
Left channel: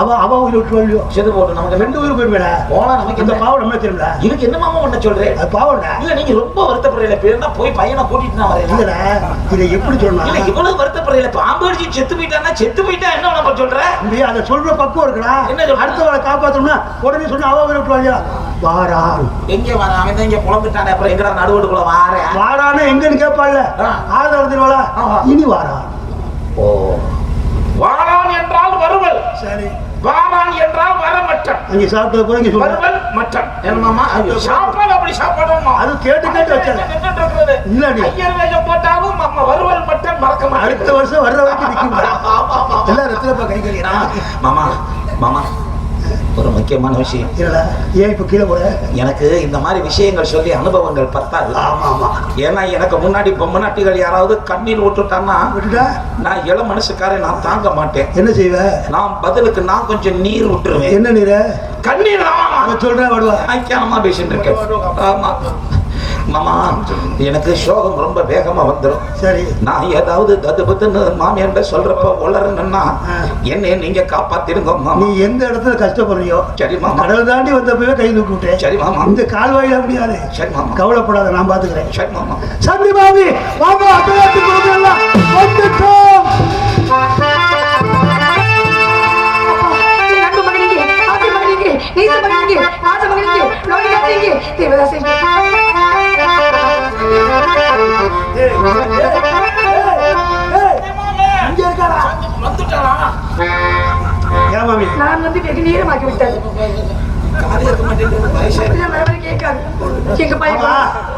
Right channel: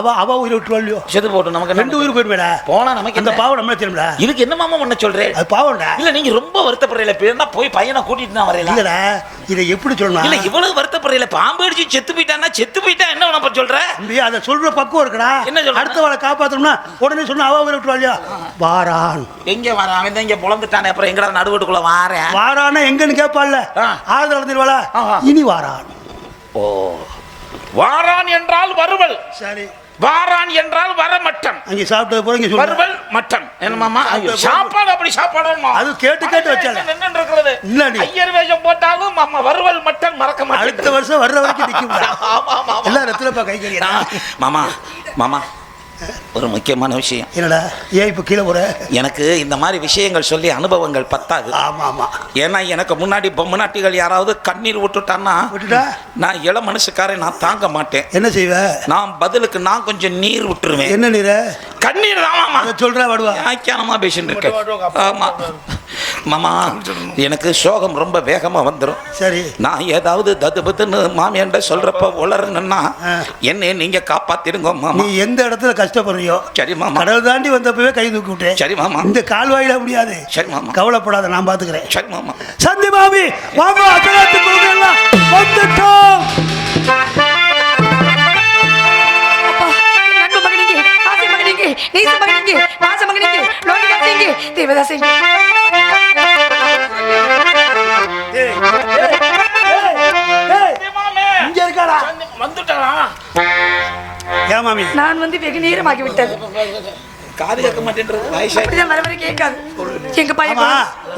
அவ உயிர் விட்டுருவாளியோ? செத்து போட்டு நமக்கு ரெண்டு உயிர் போயிருவேடா. போனா நமக்கு அந்த பாவம் நம்மளே தெரியும்டா. இதுக்கு என்ன மாமா ஒண்ணு சொல்றேன்? அது பாவம்டா. இல்ல நீங்க ரொம்ப வருத்தப்படுறீல. பேருனா போய் பையனை கூட்டிட்டு நான் வரேன். இல்லடா இதை எப்படி சொல்லணும்? இல்ல இவ்வளவு வருத்தப்படுறீல. பாம்பு அடிச்சு செத்து போயிட்டானா செத்து போயிட்டா என்ன உனக்கு சொல்ற? நீ அதை சொல்ற பக்குவம் இருக்குடா. என்ன சொல்ற? அடுத்தவளை காப்பாத்தணும்னா உடனே சொன்னா அவ உயிர் விட்டுருவாளியோ? வாரான் எங்க வாங்க அவன் தான் இங்க புலந்துட்டானே. அப்புறம் எங்கடா நடுவுக்குள்ள வாரேன். வாரானே எங்கன்னு கேட்பாள்ல. ஆதரவு திருவாளா இனி வாரான். ஓ வாரான் என்றால் வருவல். சரி வாரான் என்றால் வரமட்டம். அங்க சாப்பிட்டு போறீங்க சொல்லுங்க. வருவல் மட்டம். என்ன மாமா சாப்பாடு அப்படி சாப்பாடுமா? அது கேட்டு வச்சாங்க. என்ன நடக்குது? இல்ல நீ ஐயர் வேஷம் போட்டாலும் நம்ம வருவல் மட்டம் மறக்க மாட்டேன். அடுத்த வருஷம் வர்ற வரைக்கும் நிக்கும். எல்லாம் ரத்திரப்பா கை கைக்கிறான். மாமா மாமா ஒரு முக்கியமான விஷயம். இல்லடா ஏன் இப்ப கீழே போற? எனக்கு இந்த மாதிரி விஷயங்கள் சொல்லி அனுபவங்கள் பத்தாது. ஆமா ஆமா. ஏன்னா எனக்கு முன்னாடி பொம்மநாட்டிகள் யாராவது கண்ணீர் விட்டுட்டான்னா விட்டுட்டா நான் இள மனசுக்காரன் நான் தாங்க மாட்டேன். என்ன செய்வ? நான் பதிலுக்கு நான் கொஞ்சம் நீர் விட்டுருவேன். என்ன நீர? கண்ணீர். ஆமா சொல்றேன் வருவா. ஆமா பேசிட்டு இருக்கேன். ஆமா மாமா எனக்கு சோகம் ரொம்ப வேகமா வந்துடும். சரி நான் ஏதாவது ததுபத்துன்னு மாமியாண்ட சொல்றப்ப உளறணும்னா என்ன நீங்க காப்பாத்திருங்க மாமா. நீ எந்த இடத்துல கஷ்டப்படுறியோ சரி மாமா. கடல் தாண்டி வந்தப்பவே கை தூக்கிட்டேன். சரி மாமா. இந்த கால்வாயில முடியாது. சரி மாமா. கவலைப்படாத நான் பாத்துக்கிறேன். சரி மாமா. சந்தி பாபி வாங்க அபிலாத்துக்கு வந்துட்டோம். நான் வந்து வெகு நேரமாகி விட்டேன்.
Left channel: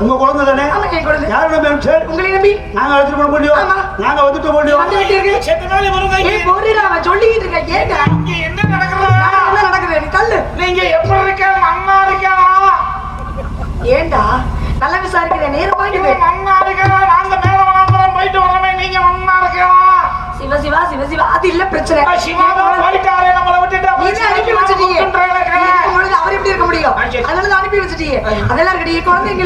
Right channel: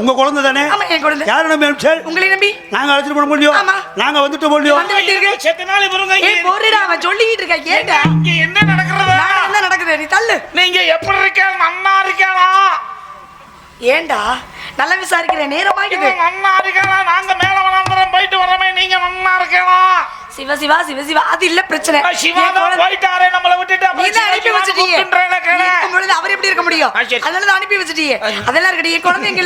உங்க குழந்தை தானே? யாரை நம்பி உங்களை நம்பி நாங்க அழைச்சிட்டு போட முடியும். நாங்க வந்துட்டு முடியும். சொல்லிக்கிட்டு இருக்கேன். கேட்டா என்ன நடக்கிறது? என்ன நடக்குது? நீ தள்ளு. நீங்க எப்படி இருக்க? அண்ணா இருக்கானா? ஏண்டா நல்லா விசாரிக்கிறேன். நேரமாயிடுது. அண்ணா இருக்கானா? நாங்க மேல வராம போயிட்டு வரமே. நீங்க அண்ணா இருக்கானா? சிவ சிவா சிவ சிவா அது இல்ல பிரச்சனை. போயிட்டாலே நம்மள விட்டுட்டு அனுப்பி வச்சிட்டீங்க. அவர் எப்படி இருக்க முடியும்? அதனால அனுப்பி வச்சிட்டீங்க. அதெல்லாம் ரெடி. குழந்தைங்க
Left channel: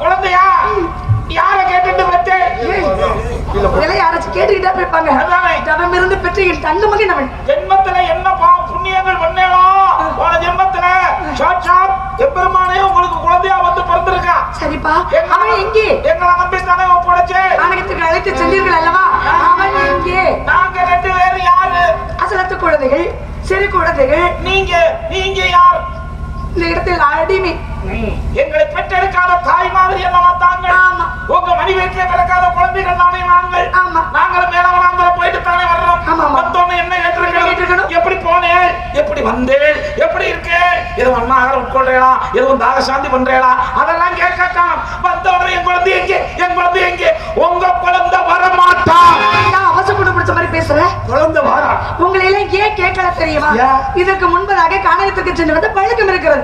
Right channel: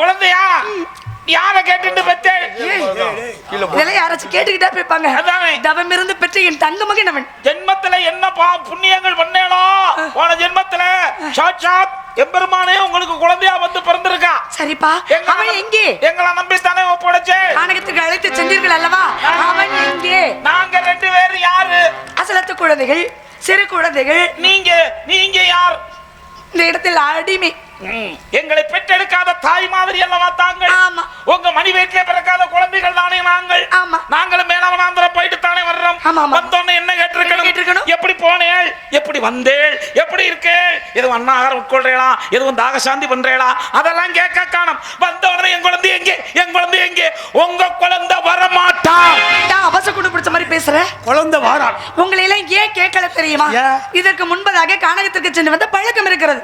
குழந்தையா யார கேட்டுட்டு பெத்து? இதெல்லாம் யாராச்சும் கேட்டுக்கிட்டா போய்ப்பாங்க. தவம் இருந்து பெற்ற என் தங்க மகன் அவன். ஜென்மத்துல என்ன புண்ணியங்கள் பண்ணேனோ போன ஜென்மத்துல சாட்சாத் எம்பெருமானே உங்களுக்கு குழந்தையா வந்து பிறந்திருக்கா. சரிப்பா அவன் எங்கே? எங்களை நம்பித்தானே ஒப்படைச்சு ஆணையத்துக்கு அழைத்து சென்றீர்கள் அல்லவா? அவன் எங்கே? நாங்க ரெண்டு பேரும் யாரு? அசலத்து குழந்தைகள், சிறு குழந்தைகள். நீங்க யார்? இந்த இடத்தில் அடிமை. எங்களை பெற்றெடுக்காத தாய் மாதிரி அல்லவா தாங்கள்? ஆமா. உங்க மணிவேக்கே பிறக்காத குழந்தைகள் தானே நாங்கள். ஆமா. நாங்களும் மேலாந்திரம் போயிட்டு தானே வர்றோம். வந்தோன்னு என்ன கேட்டிருக்கணும்? எப்படி போனேன்? எப்படி வந்தேன்? எப்படி இருக்கு? எதுவும் அண்ணாக உட்கொள்றீங்களா? எதுவும் தாக சாந்தி பண்றீங்களா? அதெல்லாம் கேட்க காணும். வந்தோடனே என் குழந்தை எங்கே? என் குழந்தை எங்கே? உங்க குழந்தை வரமாட்டான். அவசரப்பட பிடிச்ச மாதிரி பேசுற. குழந்தை வாரா. உங்களை எல்லாம் ஏன் கேட்கல தெரியுமா? ஏன்? இதற்கு முன்பதாக கானகத்துக்கு சென்று வந்த பழக்கம் இருக்கிறது.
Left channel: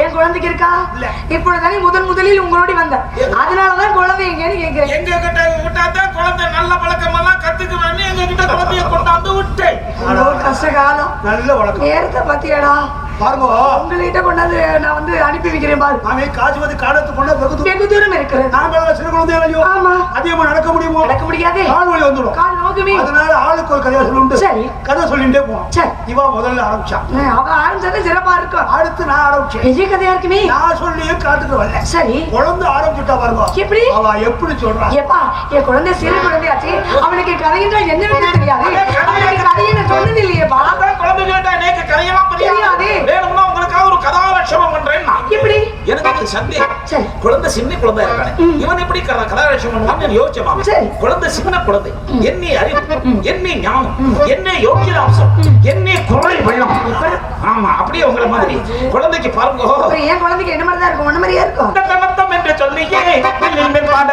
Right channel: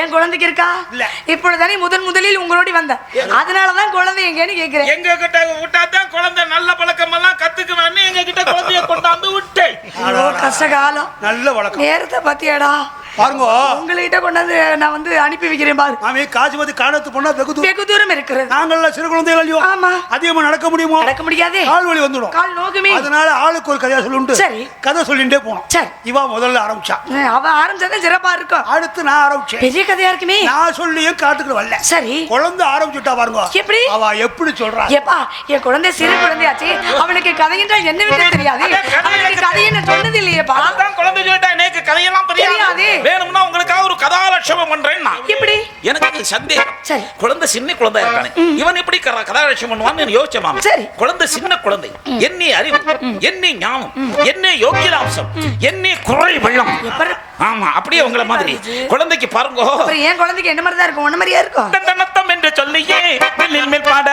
ஏன் குழந்தைக்கு இருக்கா? இல்ல. இப்பொழுதுதானே முதலில் உங்களோட வந்த, அதனாலதான் குழந்தை எங்கன்னு கேட்கிறேன். எங்க கிட்ட விட்டாதான் குழந்தை நல்ல பழக்கம் எல்லாம் கத்துக்குவேன்னு எங்க கிட்ட குழந்தைய கொண்டாந்து விட்டேன். கஷ்ட காலம். நல்ல வழக்கம். நேரத்தை பத்தியாடா பாருங்க, உங்கள்கிட்ட கொண்டாந்து நான் வந்து அனுப்பி வைக்கிறேன் பாரு. அவன் காசிபதி காலத்து கொண்டா வெகு தூரம் இருக்கிறது. நாங்கெல்லாம் சிறு குழந்தைகள் ஆமா. அதிகமா நடக்க முடியுமோ? நடக்க முடியாதே. கால் வலி வந்துடும். கால் நோக்குமே. அதனால ஆளுக்கு ஒரு கதையை சொல்லிட்டு சரி. கதை சொல்லிட்டே போனோம். சரி. இவ முதல்ல ஆரம்பிச்சான். அவ ஆரம்பிச்சதே சிறப்பா இருக்கும். அடுத்து நான் ஆரம்பிச்சேன். பெரிய கதையா இருக்குமே. நான் சொல்லியே காட்டுக்கு வரல. சரி. குழந்தை ஆரம்பிச்சுட்டா பாருங்க. எப்படி? அவ எப்படி சொல்றா? ஏப்பா, என் குழந்தை சிறு குழந்தையாச்சு, அவனுக்கு கதையின்றா என்ன விட்டு தெரியாது. அவனுக்கு கதையின்னு சொன்னது இல்லையேப்பா. அதான் குழந்தை சொல்லிட்டா எனக்கு கதையெல்லாம் தெரியாது. வேணும்னா உங்களுக்காக ஒரு கதாலட்சணம் பண்றேன். எப்படி? எனக்கு சந்தேகம். சரி. குழந்தை சின்ன குழந்தை இருக்கானே, இவன் எப்படி கதாலட்சணம் பண்ணுவான்னு யோசிச்சேன். சரி. குழந்தை சின்ன குழந்தை, என்னை அறிவு, என்னை ஞானம், என்னை யோகிதாம்சம், என்னை குரல் பள்ளம். ஆமா, அப்படியே உங்களை மாதிரி குழந்தைக்கு பாருங்க. அப்புறம் என் குழந்தைக்கு என்ன மாதிரி தான் இருக்கும்? ஒண்ணு மாதிரியா இருக்கும். நத்தம் என்று சொல்லியே வெளியில்மை பாட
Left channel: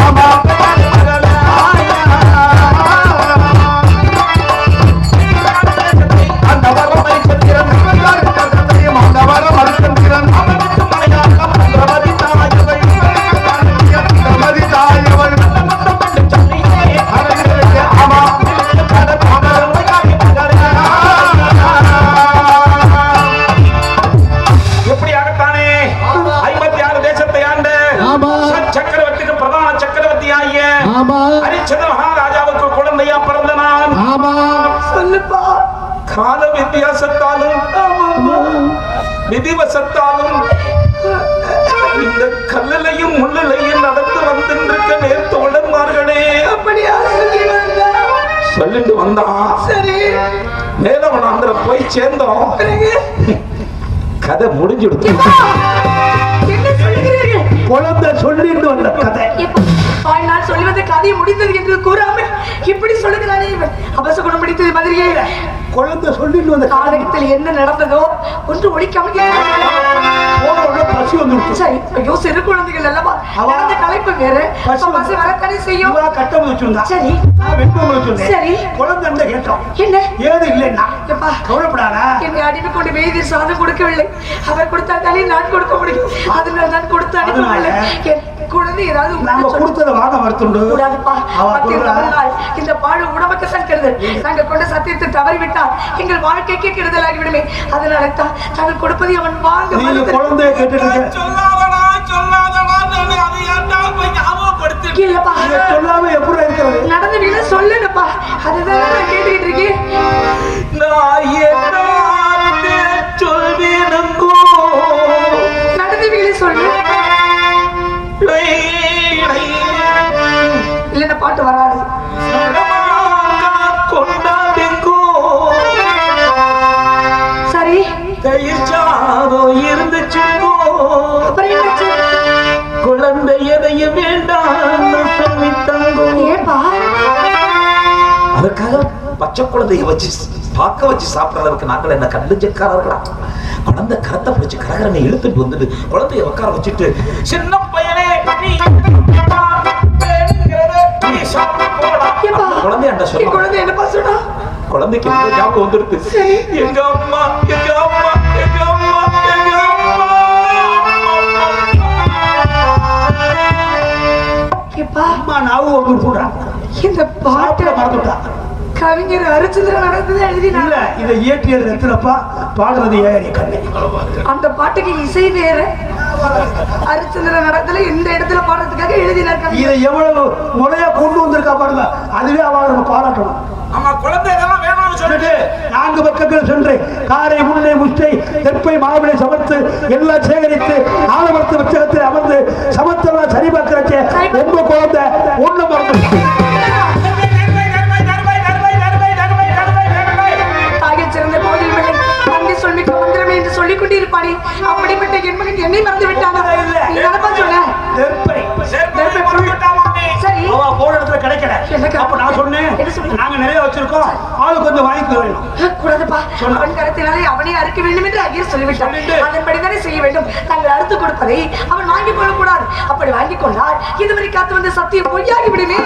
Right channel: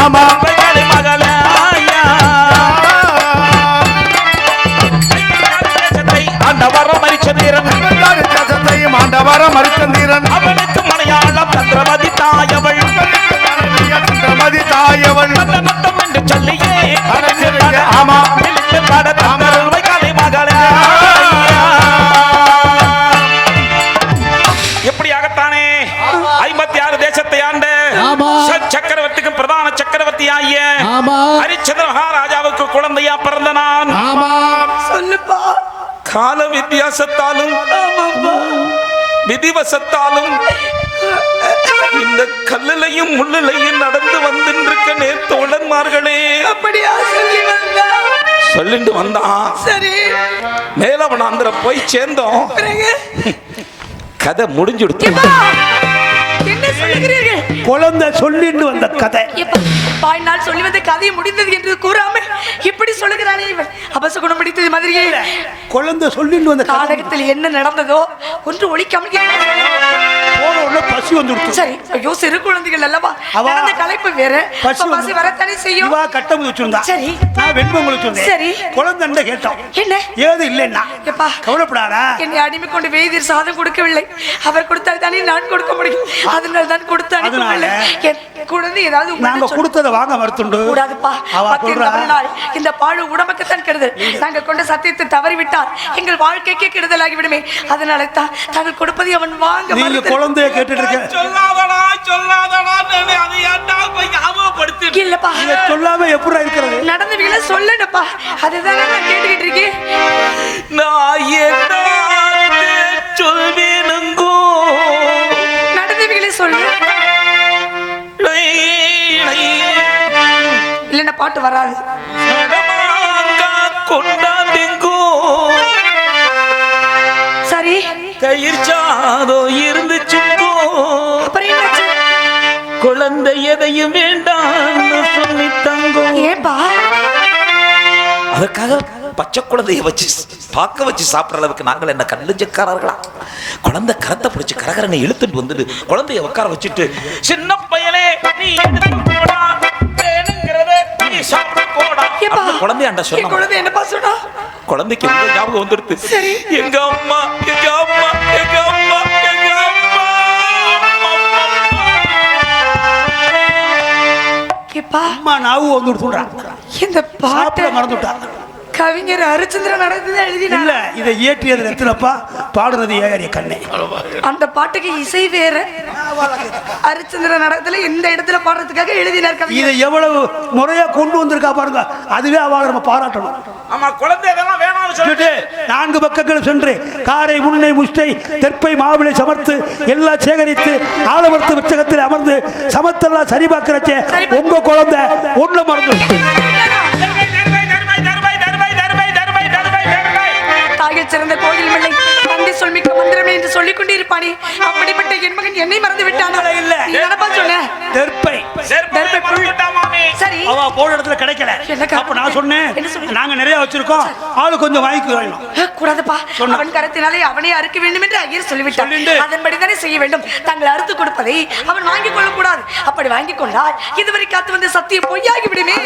ஆமா மகளே ஆயா ஆண்டவர மரிச்சதீரன் ஆண்டவர மரிச்சதீரன் அவனுக்கு மலையாளம் மந்திரவாதி தாயவள் நத்தம் என்று சொல்லியே ஆமா வெளியில்மை பாட மகளே மகளே எப்படியாகத்தானே 56 தேசத்தை ஆண்ட சக்கரவர்த்திக்கு பிரதான சக்கரவர்த்தி ஆகிய ஹரிச்சந்திர மகாராஜாவுக்கு குழந்தையா பிறந்த நான் சொல்லுப்பா. கால வித்தியாசத்தாலும் விதிவசத்தாலும் இந்த கல்லிலையும் முள்ளிலையும் நடந்து வந்திருக்க நேர்த்தோழன்மார்களே அப்படியா சொல்லி வந்தா? சொல்லிட்டு வந்தான். சரி. மேலவனாந்திர போய் சேர்ந்தோம். பிறகு? கதை முடிஞ்சுடுத்து. ஏப்பா, என்ன சொல்லுகிறீர்கள்? குழந்தை சொல்லிட்டு வந்த கதை. ஏப்பா, பாய் நான் சொல்லி வந்த கதையை முடித்தது என்று கூறாமல் இப்படி சொல்லுகிறானே இவன். அபசகுணம் பிடித்தது மாதிரியே குழந்தை சொல்லிட்டு வந்த காலகத்தில் என்ன நடந்ததோ ஒன்று ஒழிக்காமல் போன உடனே பசி வந்துடுச்சு. சரி. ஐயோ, சிறு குழந்தைகள் அல்லவா, நடந்த கலைப்பு வேற. பசி வரத்தானே செய்யும். இவா கட்டம் வச்சிருந்தா. சரி. நான் வெண்பொங்கல் வச்சிருந்தேன். சரி. குழந்தை கேட்டோம். என்ன? ஏது இல்லைன்னா ஏப்பா, கவலைப்படாதா? என்னை அடிமை கொண்டு வேதி சாதம் கொடுக்கவில்லை. அவர் கொடுத்தால் தானே நான் கொடுக்க முடியும். அதனால தான் கொடுத்து அனுப்பவில்லை. என் குழந்தை ஏதாவது நாங்க உங்களிடம் சொல்ல கொடுத்தத வாங்க மறுத்துண்டு. கூடாதுப்பா. அவ பத்து சொல்றா. நாள் இந்த பாழ் உடம்புக்குத்தான் கெடுதல். நாங்கள் கொண்ட சத்தியத்தை தவறிவிட்டால் எங்கள் வாழ்க்கைக்கே கெடுதலாகிவிடுமே. அதனால தான் தாங்கள் கொடுப்பதை அவன் வாங்க நீங்க மறுத்து- குழந்தைய கேட்டுட்டு இருக்க. சொல்லாதடா அது ஏன்டா போய் ஞாபகப்படுத்தி இல்லப்பா, இதை சொல்லாம எப்படி இருக்கிறது? நடந்த வீட சொல்லுப்பா. அதுதானே நான் கேட்டுக்கிட்டு இருக்கேன். நான் என்ன சொல்லிடுங்கோ நடந்த வீட சொல்லு. இல்லைன்னா பாட்டு வராது. கொண்டாடுங்கோ சரி. தயிர் சாதோ இருந்துச்சுங்கோ அப்புறம் என்னாச்சு? குழந்தை எதையும் வேண்டாம் சொல்லிட்டாங்கோ. ஏப்பா, அதுக்காக பச்சை குழந்தைய வச்சு பார்க்க வச்சு சாப்பிடறதுக்கு நாங்கள் என்ன கல்லு செக்காரர்களா? குழந்தை கரத்தை பிடிச்சு கரகரனை இழுத்துட்டு வந்துட்டு குழந்தைய உட்கார வச்சுட்டு சின்ன பையனே நீ எடுத்துட்டு போடா, வேணுங்கிறத நீ சாப்பிட்டு போடா. ஏப்பா, அந்த குழந்தையாண்ட என் சொல்லுவாங்க. குழந்தை என்னப்பா சொன்னா? குழந்தைக்கு ஒரு ஞாபகம் வந்துடுது. எங்க அம்மா எங்க அம்மா எங்க அம்மா எங்க அம்மா. ஏப்பா, அம்மா நாவும் வந்து சொல்றாங்க. இந்த பாட்டை மறந்துட்டா. கவிஞர் அரிச்சந்திரன் நடந்ததை இல்ல, எழுதினாங்க. இதை இயற்றியது எத்தனப்பா, பாடுறது ஏறி கண்ணே. அந்த பாட்டுக்கு இசை வேற. அரிச்சந்திரன் நடத்துல இந்த இடத்துல பாடுறதுக்காக எழுதினாங்க. இதை எவ்வளவு முறையா கொண்டு வந்திருக்கா பாருங்க. அதுவே அவளை நம்ம பாராட்டணும். ஆமா, குழந்தை இதெல்லாம் வேணாம்னு சொல்லிட்டு 4 பக்கங்கள் சென்று காடை முன்னை முஷ்டை தெப்பை மாவிளை சமர்த்து எல்லாம் சேகரித்து ஆலமரத்து புத்தகத்தில் அமர்ந்து சமத்தெல்லாம் சரி பார்க்கிறச்சே உங்க குழந்தை ஒண்ணு மறந்து தாயை சிறந்த கோயில் விளை நன்றி சொல்லிட்டு வந்துடுமே என்று சொல்லிக் கொண்டிருப்பானே. அப்படிப்பட்ட என் மகன் என்னை மறந்து விட்டானா? இல்ல. நீ என்னப்பா சொன்ன? தெப்பை சரி. அவ போன இடத்துல கிடைக்கல. எனக்கு- அப்ப நான் சொன்னேன், என்ன சொன்ன? நாங்க நிறைய வச்சிருக்கோம். இருக்கும் ஆளு கொஞ்சம் வாங்கிக்க வேணும். கூடாதுப்பா. அவன் கரத்தினாலே அவனே அறுக்க வேண்டும் என்று ஐயர் சொல்லிவிட்டான். அதன்படிதானே செய்ய வேண்டும். தாங்கள் அறுத்து கொடுப்பதை அவன் வாங்கிக் கொள்ளக்கூடாது. அப்படி வாங்கிக் கொண்டால் இதுவரை காத்து வந்த சத்தியம் பொய்யாகி விடுவே.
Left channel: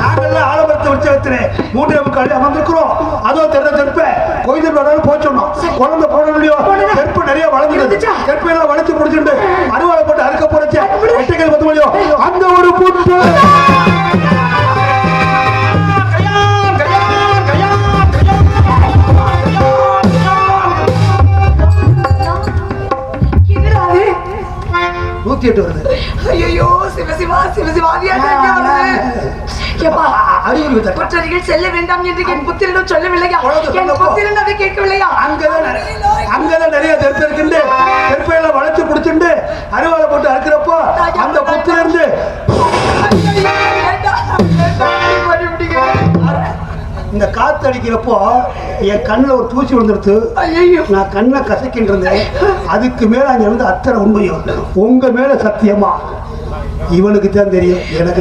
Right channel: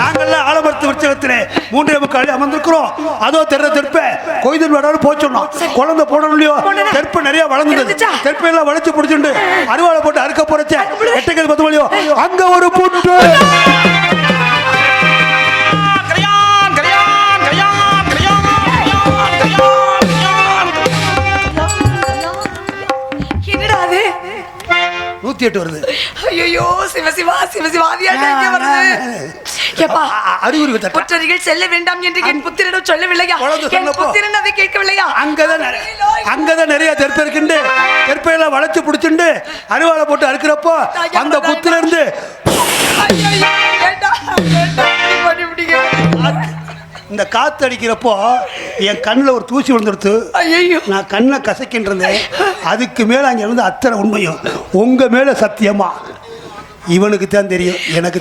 நாங்கெல்லாம் ஆலமரத்து உற்சவத்திலே 3:45 அமர்ந்திருக்கிறோம். அதோ தெற்ப கோயில் வராலும் போச்சோம். குழந்தை போட முடியும். தெற்ப நிறைய வளர்ந்துச்சு. தெற்பையெல்லாம் வளைச்சு பிடிச்சிட்டு அறுவாலை போட்டு அறுக்க போறச்சு. எட்டுகள் 10 முடியும். அங்க ஒரு பூட்டு வருது. ஐயோ சிவசிவா செல்ல வேண்டாம் என்று என் புத்திரனும் சொல்லவில்லையா? என் புத்திரன் அதை கேட்கவில்லையா? அங்கதான் நிறைய தெற்ப இருக்குண்டு தெற்பையெல்லாம் வளைச்சு பிடிச்சிட்டு அறுவாலை போட்டு அறுக்கிறப்போ அந்த புத்திரன் இந்த காத்து அடிக்கிறப்போ என் கண்ணில் ஒரு தூசி விழுந்துருத்து. நான் கண்ணை கசக்கின்றேன். அதுக்கு மேல அங்க வந்து அத்தனை உண்மையும் உங்க மேல சத்தியமா இவனுக்கு தான் தெரியும். எனக்கு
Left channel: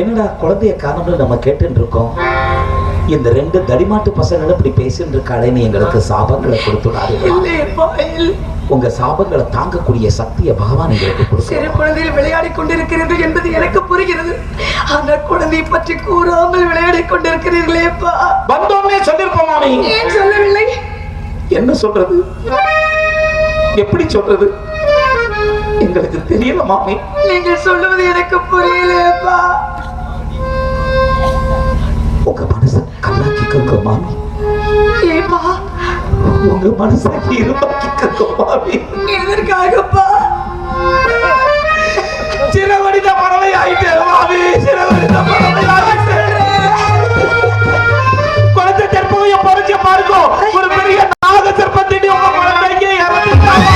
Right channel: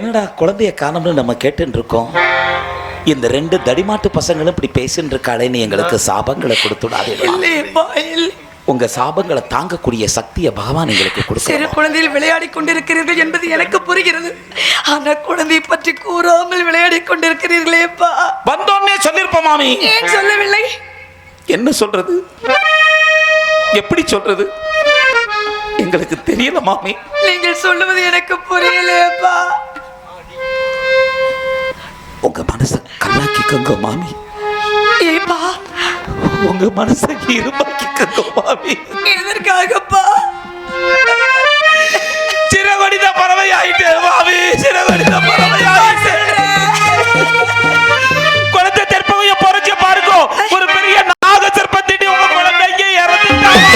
என்னடா குழந்தைய காணோம்னு நம்ம கேட்டு இருக்கோம். இந்த 2 தடிமாட்டு பசங்களும் இப்படி பேசிட்டு இருக்காடேன்னு எங்களுக்கு சாபங்களை கொடுத்துடாதீங்க. உங்க சாபங்களை தாங்கக்கூடிய சக்தியை பகவான் எங்களுக்கு கொடுக்க. சிறு குழந்தையில் விளையாடி கொண்டிருக்கிறீர்கள் என்பது எனக்கு புரிகிறது. ஆனா குழந்தை பற்றி கூறாமல் விளையாடி கொண்டிருக்கிறீர்களேப்பா. வந்தோன்னே சொல்லிருப்போம் மாமி. ஏன் சொல்லவில்லை? என்ன சொல்றது, எப்படி சொல்றது எங்களுக்கு தெரியல மாமி. நீங்கள் சொல்லுவது எனக்கு புரியலையேப்பா. உங்க மனசை கல்லாக்கிக்கோங்க மாமி. ஏப்பா உங்க மனசை இருமாக்கிக்கோங்க மாமி. எதற்காகப்பா? சிறவனித பறவை ஆயிட்டே மாமி. சிறவனித பறவை ஆயிட்டே. குழந்தை தெற்பவைய பொறுச்சு பாருங்க. ஒரு பெரிய நாக சிற்பத்தின் உங்க குழந்தைங்க இறந்துட்டாங்க.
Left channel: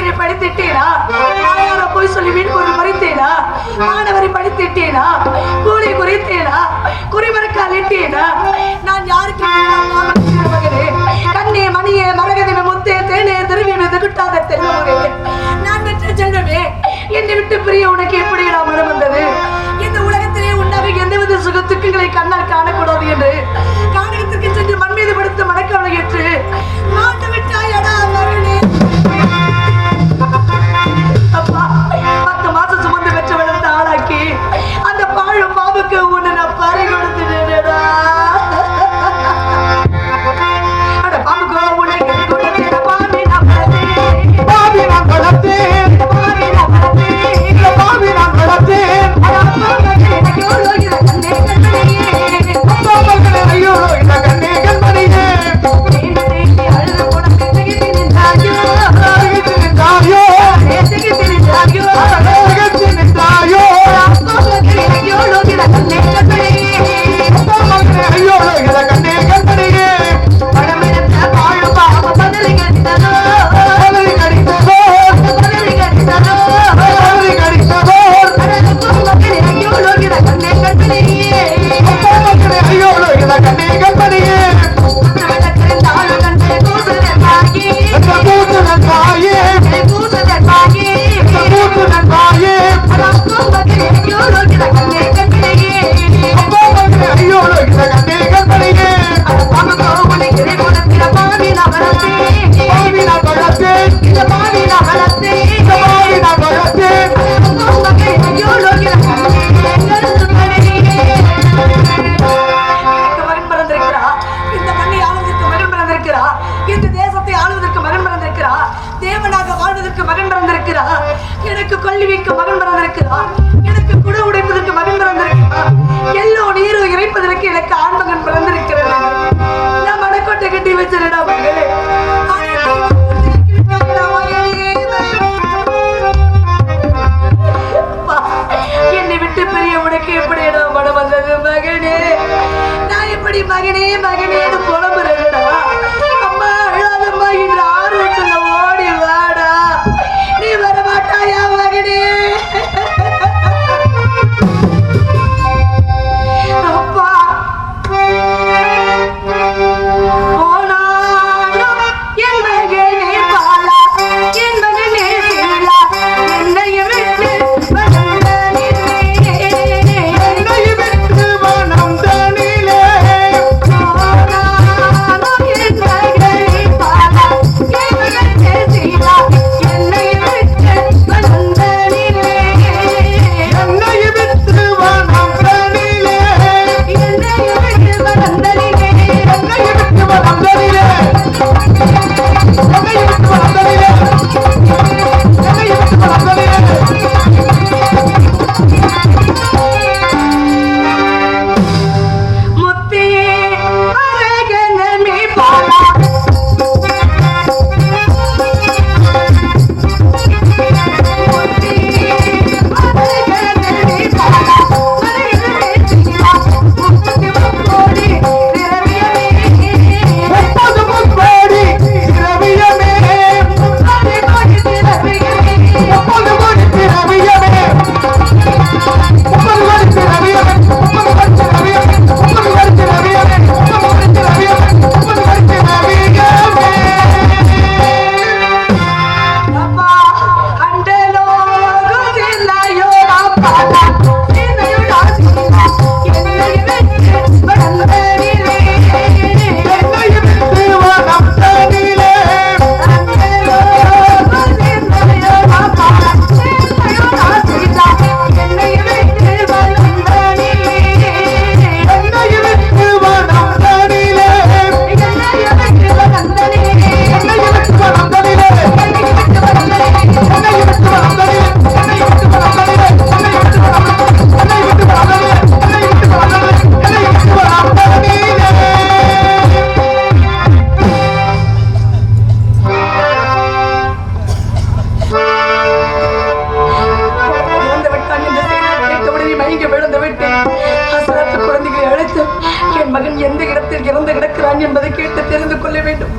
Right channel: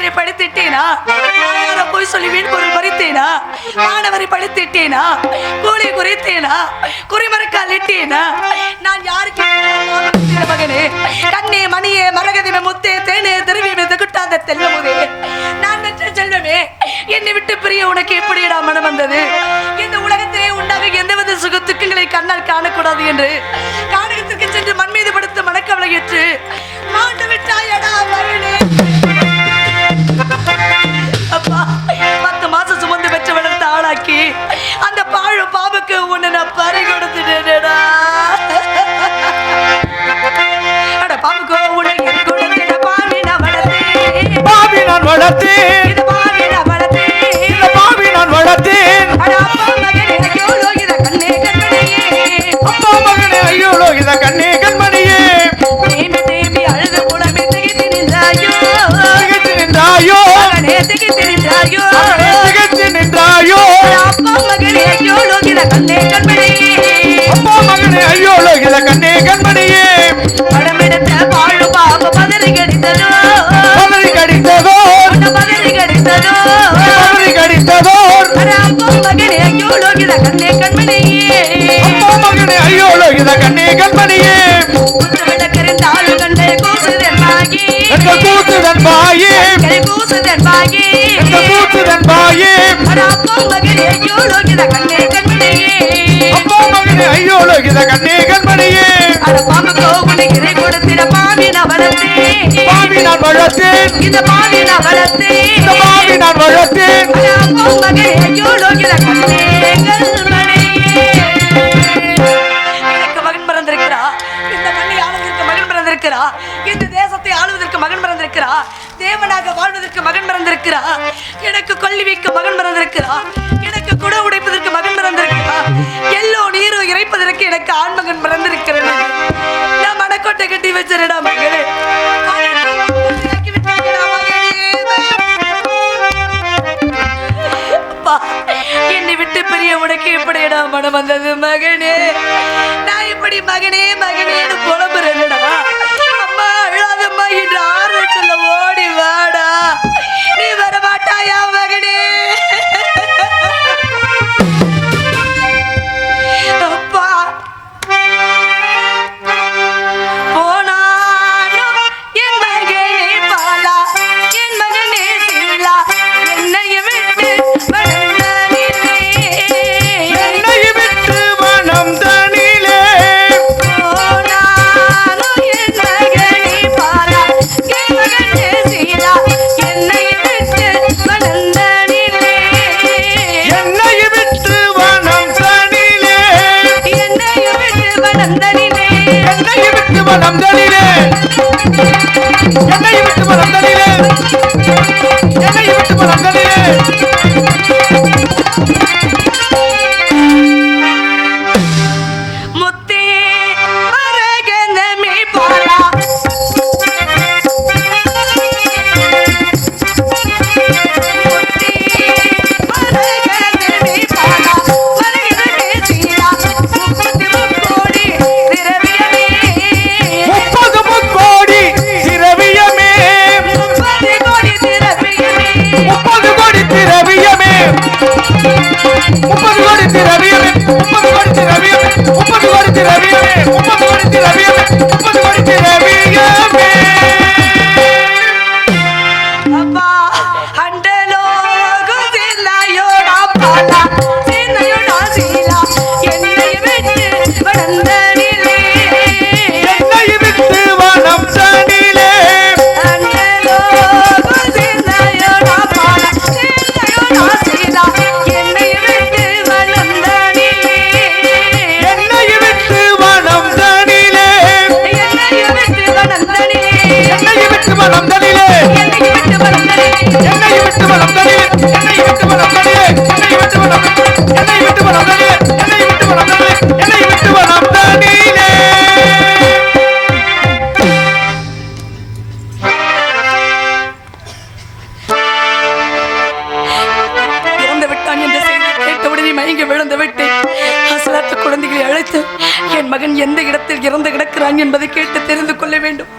ஆசிரியரை படித்திட்டேனா? தாயார போய் சொல்லி வீடு பொருள் மறைத்தேனா? மாணவரை படித்திட்டேனா? கூலி குறித்தேனா? குறிமறக்கால் இட்டேனா? நான் யாருக்கு மகனே? கண்ணே மணியே மரகதின முத்தே தேனே திருவி வெதுகுட்டாத தெல்லமுதே, நான் பெற்ற செல்லவே என்னை விட்டு பிரிய உனக்கு எப்படி மனம் வந்தது? இந்த உலகத்திலே உண்டாக எந்தவித சுகத்துக்குங்களை கண்ணால் காணக்கூடாது என்று காணகத்துக்கு சென்று மண் மீது படுத்த மனக்கவலை ஏற்று மாண்டு விட்டாயடா மகனே. அப்பா 10 மாசம் சுமந்து பெற்று வளர்த்த ஆளாக்கி அந்த பாழு பாவுக்கு உன்னை நான் பறி கொடுத்துட்டேனடா. அட பாம்பு கோவம் உனக்கு பாவி நான் வளர்த்தேன், பாவி நான் வளர்த்தேன், இந்த பாவி நான் வளர்த்தேன், இந்த பாவி நான் வளர்த்தேன். அட அப்பா மகனே எனக்கு எவ்வளோ இதை கண்ணே கண்மணியே, அம்மா மகனே ஐயோ இத கண்ணே கண்மணியே, தேம்பி தேம்பி அழுது புலம்பி திகைத்து நின்றாயோ, திகைத்து நின்றாயோ, மகனே திகைத்து நின்றாயோ, திகைத்து நின்றாயோ. அட அப்பா மகனே எவ்வளோ இதை கண்ணே கண்மணியே, அம்மா மகனே ஐயோ இத கண்ணே கண்மணியே, படமெடுத்த வாழு பாம்பு பதறி கடித்ததோ, பதறி கடித்ததோ, பதறி கடித்ததோ, பதறி கடித்ததோ. அட அப்பா மகனே எவ்வளோ இதை கண்ணே கண்மணியே, அம்மா மகனே ஐயோ இத கண்ணே கண்மணியே, விளக்கறிந்தாள் கண்ணே கூசுதன் பாகி, எந்த கூத்துடன் வாயே, கை கூசுதன் பாகி, எந்த கூத்துடன் வாயே. அட அப்பா மகனே எவ்வளோ இதை கண்ணே கண்மணியே, அம்மா மகனே ஐயோ இத கண்ணே கண்மணியே, அட பாம்பு கோகுடி இறை கொடுத்திட பாவி நான் வளர்த்தேன், பாவி நான் வளர்த்தேன், இந்த பாவி நான் வளர்த்தேன், இந்த பாவி நான் வளர்த்தேன். அட அப்பா மகனே எவ்வளோ இதை கண்ணே கண்மணியே. எனக்கு மகன் பிறந்திருக்கிறா, இந்த மண்ணை ஆளுவதற்கு மகன் பிறந்திருக்கிறா, இந்த தேசத்தை ஆளுவதற்கு மகன் பிறந்திருக்கிறா, தேவனாக வாழ்வதற்கு மகன் பிறந்திருக்கிறா, எனக்கு கொல்லி வைக்க மகன் பிறந்திருக்கிறா, எனக்கு குட உடைப்பதற்கு மகன் பிறந்திருக்கிறா, எல்லோ நீரும் இறைப்பதற்கு எனக்கு ஆண் மகன் பிறந்திருக்கிறது. நான் மடக்கோட்டை கட்டி வச்சிருடா மகளே, அப்பா, என்னை விட்டு பிரிய உனக்கு எப்படிடா மனம் வந்தது மகனே? நான் இப்படி மகனே மகனேன்னு புலம்புறேன்டா. அம்மா அழாதம்மா என்று ஆறுதல் சொல்ல ஓடி வாடா. நீ வர மாட்டாயா மகனே? அப்பா போனாலும் என் மகனே பாலா, என் மகனே சில்லா, என்னைய விட்டு வளர்ந்ததில்லை. என்னை விட்டு மனம் தனிலே, போனாலும் என் மகனே பாலா, என் மகனே சில்லா, என்னைய விட்டு வளர்ந்ததில்லை. என்னை விட்டு மனம் தனிலே, என்னைய விட்டு வளர்ந்ததில்லை. என்னை விட்டு மனம் தனிலே, என்னை விட்டு மனம் தனிலே, என்னை விட்டு மனம் தனிலே. முத்தே மரகதமே பாலா, முத்தே மரகதமே பாலா, மரகதமே சீலா, முப்பத்து கோடி திரவியமே, 30 முக்கோடி திரவியமே, 30 கோடி திரவியமே, 30 கோடி திரவியமே, 30 கோடி திரவியமே, 30 கோடி திரவியமே, 30 கோடி திரவியமே, 30 கோடி திரவியமே, 30 கோடி திரவியமே. அப்பா அண்டலோ குதிலாயோ அப்பா சிந்தையுடா சீலா, என்னை விட்டு வளர்ந்ததில்லை. என்னை விட்டு மனம் தனிலே, அண்டலோ குதிலாயோ அப்பா சிந்தையுடா சீலா, என்னை விட்டு வளர்ந்ததில்லை. என்னை விட்டு மனம் தனிலே, என்னை விட்டு வளர்ந்ததில்லை. என்னை விட்டு மனம் தனிலே, என்னை விட்டு வளர்ந்ததில்லை. என்னை விட்டு மனம் தனிலே, என்னை விட்டு மனம் தனிலே, என்னை விட்டு மனம் தனிலே, என்னை விட்டு மனம் தனிலே, என்னை விட்டு மனம் தனிலே, என்னை விட்டு மனம் தனிலே. இறந்து விட்டான் என்ற செய்தி கேட்டவுடனே மயங்கி விழுந்து விட்டேன். அசலாத்து குழந்தைகளை அழைத்து என் மகன் எந்த இடத்தில் இறந்து கிடக்கிறான் என்பதை கேட்டு தெரிந்து கொள்ள வேண்டும்.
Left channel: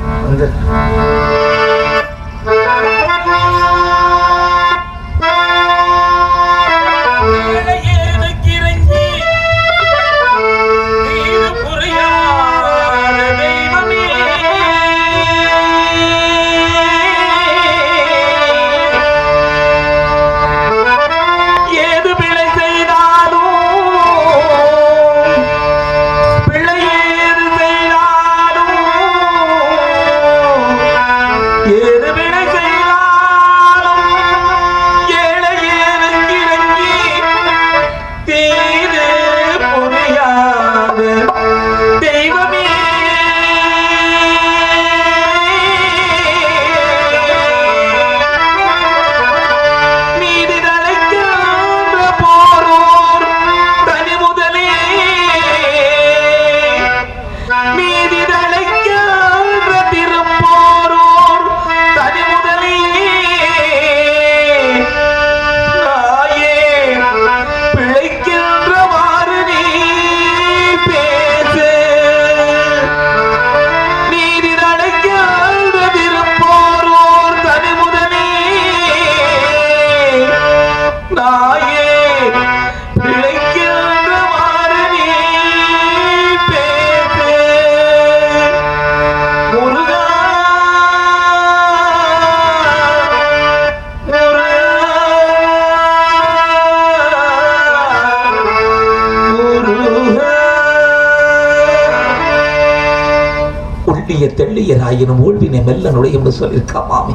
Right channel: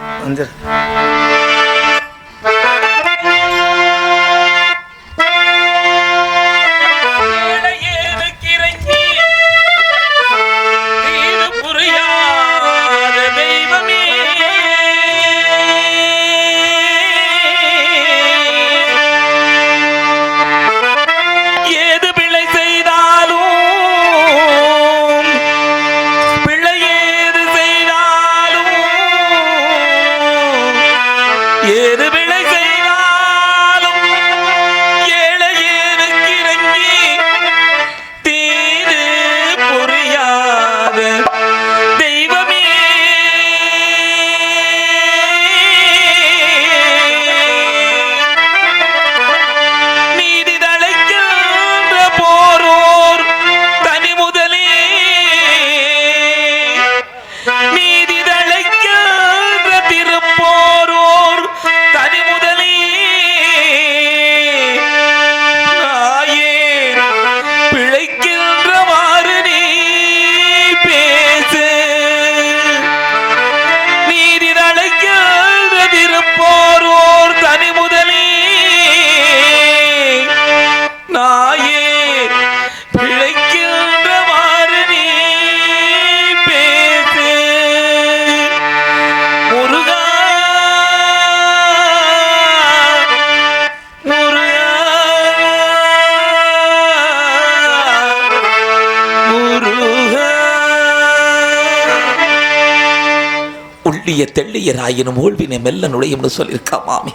உள்ளிய தெள்ளியராயினும் ஊழ்வினை மெல்ல நுழையும்னு சொல்லியிருக்கா மாமி.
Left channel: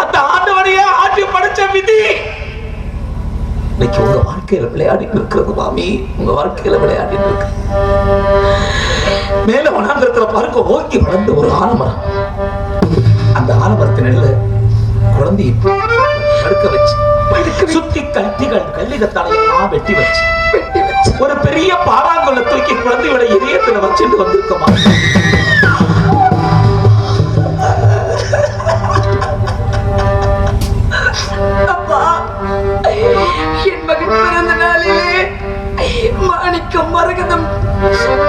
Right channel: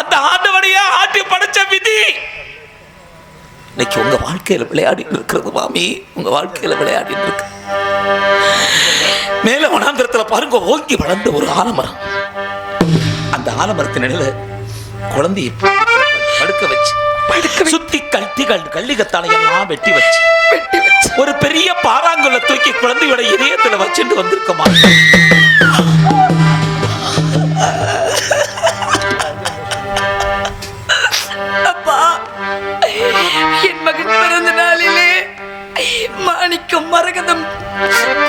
அந்த ஆண்டவனையே ஆட்டி படைச்ச விதி இன்னைக்கு உங்க வாழ்க்கையில விளையாடி இருக்கிறது மாமி. உங்க வாழ்க்கையில விளையாடி இருக்கு. மேல வனாந்தரத்துல பாருங்க, ஓங்கி வளர்ந்த ஒரு ஆலமரம். அந்த ஆலமரத்தின் இடையில குழந்தையை படுக்க வச்சு சுத்தி கல்லிகத்தானையெல்லாம் வெட்டி வச்சு ஒரு பெரிய பாறாங்குளை தூக்கி குழந்தையோட இதயத்துல வச்சுட்டு வந்திருக்க மாட்டேன். என் மகன் பிறந்த நாளிலே மாணிக்கம் மரகதம்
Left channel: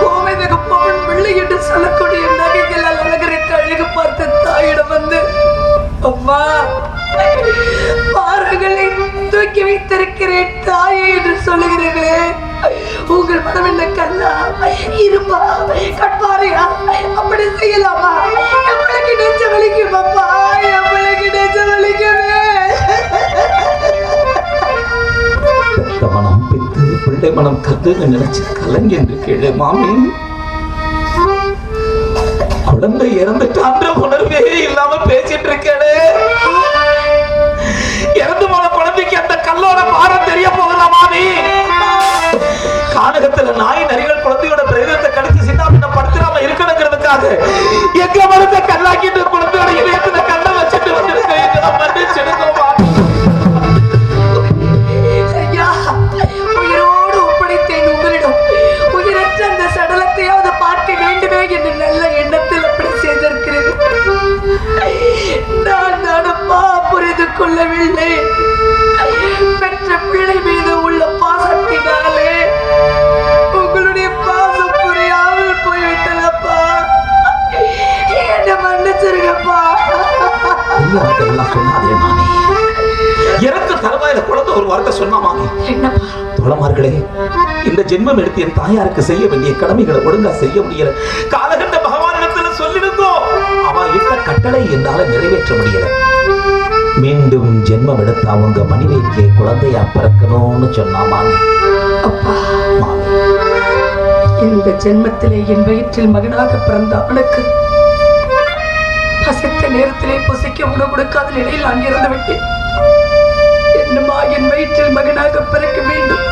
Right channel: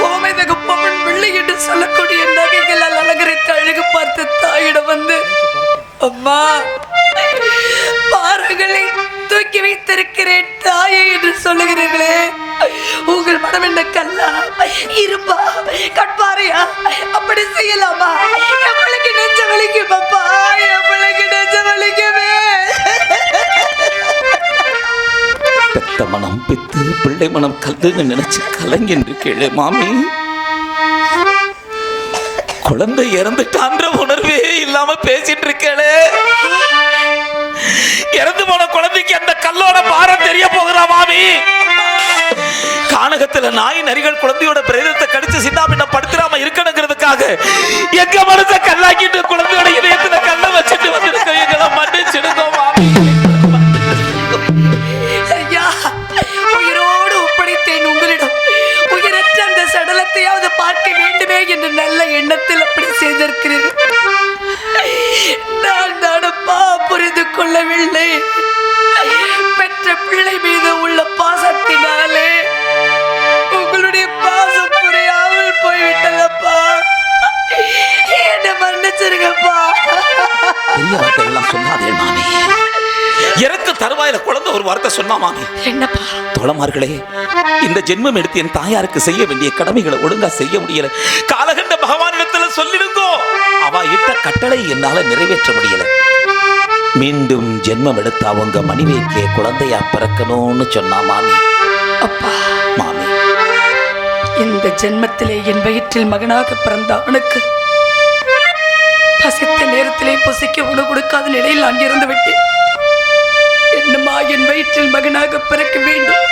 கோமேதக பொம்மன் பிள்ளை என்று சொல்லக்கூடிய நகைகளால் அழகருக்கு அழகு பார்த்த தாயிடம் வந்து, அம்மா பாறைகளை தூக்கி வைத்திருக்கிறேன் தாயே என்று சொல்லுகிறீர்களே, உங்கள் மனம் என்ன கல்லா இருப்பா கட்பாறையா? அப்படி செய்யலாமா? எவ்வளவு நெஞ்ச வலிக்கும் அப்பா, எவ்வளவு நெஞ்ச வலிக்குமே. மனம் பித்து பிள்ளை மனம் கல்லுன்னு நினைச்சு கலங்கின்று கீழே மாமி. குழந்தை இறந்துட்டான்ற உணர்வே இல்லாம பேசிட்டு இருக்கே. இறந்து போன குழந்தைக்கு அந்த கல்லோட பாரம் தெரிய போகிறா மாமி. கானகத்துல நாய் நரிகள் குழந்தையோட பிரேதத்தை கடிச்சு சின்னாபின்ன படுத்துறாம இருக்கணுங்கிறதுக்காக எங்க மனசை கல்லாக்கிட்டு குழந்தையோட இதயத்துல கல்ல வச்சுட்டு வந்து மன்னிச்சிடுங்க மாமி. உயிரோடு ஒப்படைத்தேன் உங்களிடம். உயிரற்ற அந்த சடலத்தையாவது பார்க்க வேண்டுமே என்று நல்ல எண்ணத்தில் அப்படி செய்திருக்கிறேன். நான் தானப்பா புரிந்து கொள்ளவில்லை. பெற்ற பிள்ளை மீது உள்ள பாசத்தினாலே உங்களுடைய பாசம் புரியாமல் போய்விட்டதப்பா. என்ன மன்னிச்சிருங்கப்பா. சொன்னாதே மாமி. எனக்கு தருவாயில குழந்தை ஒரு வார்த்தை சொன்னா மாமி. என்னப்பா? தோழமார்களே, இந்த ஜென்மம் எடுத்து என் தாயாருக்கு செய்ய வேண்டிய கடமைகளை ஒழுங்கா செய்ய முடியல. காலகண்ட பகவானிடத்துல சொல்லிருந்தோம், அவ இட்ட கட்டளை என்னால நிறைவேற்ற முடியல. மீண்டும் ஜென்மம் எடுத்து அவங்க மனைவிக்கு குழந்தையா பிறக்கணும்னு சொன்னா மாமி. அப்பா மாமி, இந்த ஜென்மத்திலே என் வயிற்றில் மகனாக பிறந்த அவனுக்கு பசித்த நேரத்திலே பசிக்க உணவு கொடுக்காத நிலையில் நான் இறந்து விட்டேன். என்னமா என் வயிற்றில் மகனாக பிறக்க வேண்டும்.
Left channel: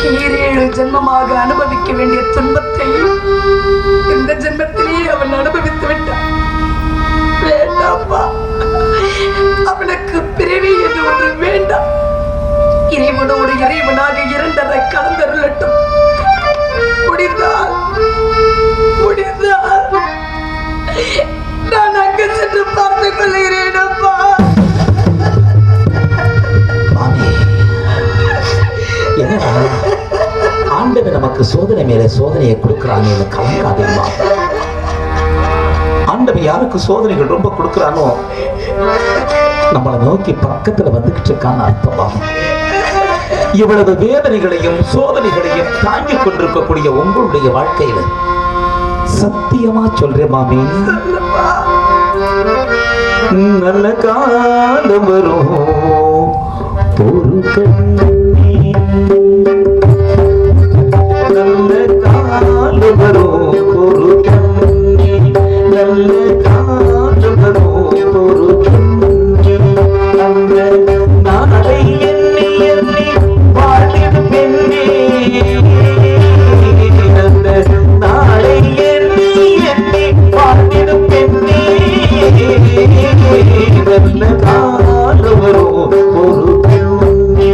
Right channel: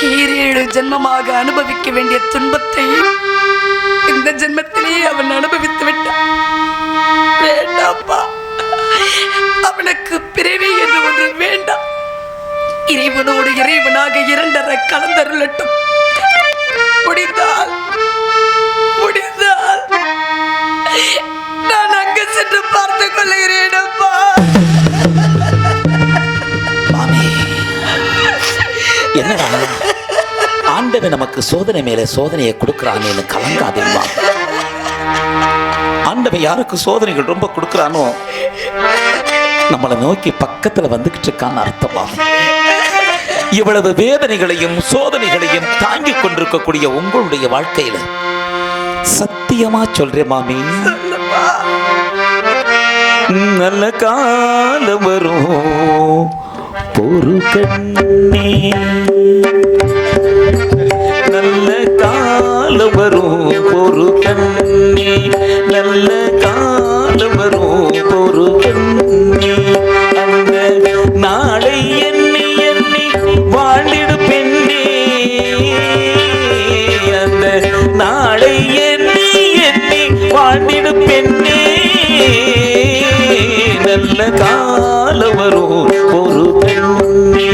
7 ஜென்மமாக அனுபவிக்க வேண்டிய துன்பத்தையும் இந்த ஜென்மத்திலேயே அவன் அனுபவித்து விட்டான். வேண்டாப்பா, அவனுக்கு பிறவி என்று ஒன்று வேண்டாம். இறைவனோடு இறைவனாக இரண்டரை கலந்தருளட்டும். முடிந்தால் நான் அங்கு சென்று பார்த்துக் கொள்கிறேன் அப்பா. ஆண்டவன் நமக்கு சோதனை மேல சோதனையை கொடுக்கிறான்னு கலங்காதேம்மா. ஆண்டவன் யாருக்கு சோதனைகள் ரொம்ப கொடுக்கிறானோ நம்மளை நோக்கி பக்கத்துல வந்துகிட்டு இருக்கான்னு அர்த்தமா. இவ்வளவு வேதனைகளையும் சோதனைகளையும் தாங்கிக் கொண்டிருக்கக்கூடிய உங்களுடைய வாழ்க்கையில சத்தியமா சொல்றேன் மாமி, நல்ல காலம் வரும் ஒரு கண்ணே, நல்ல காலம் வரும் ஒரு கண்ணே, நல்ல காலம் வரும் ஒரு கண்ணே, அந்த நாளை எண்ணி எண்ணி வாழிடு பெண்ணே, அந்த நாளை எண்ணி எண்ணி வாழிடு பெண்ணே, நல்ல காலம் வரும் ஒரு பெண்ணே,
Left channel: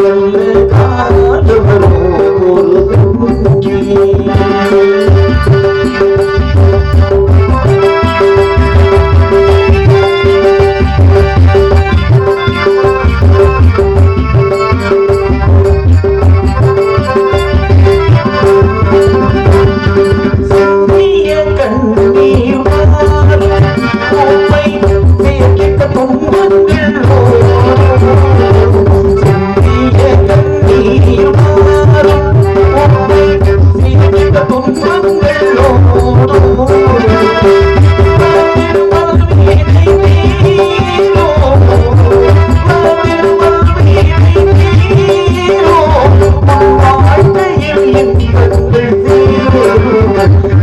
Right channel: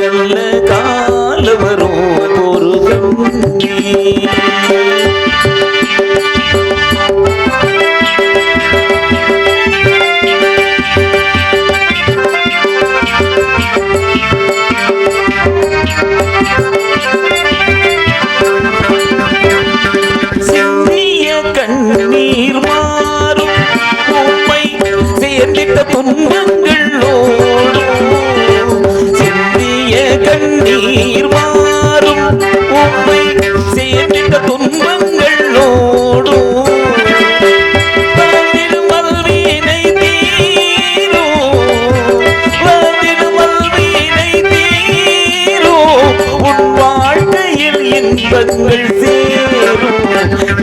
நல்ல காலம் வரும் ஒரு பெண்ணே.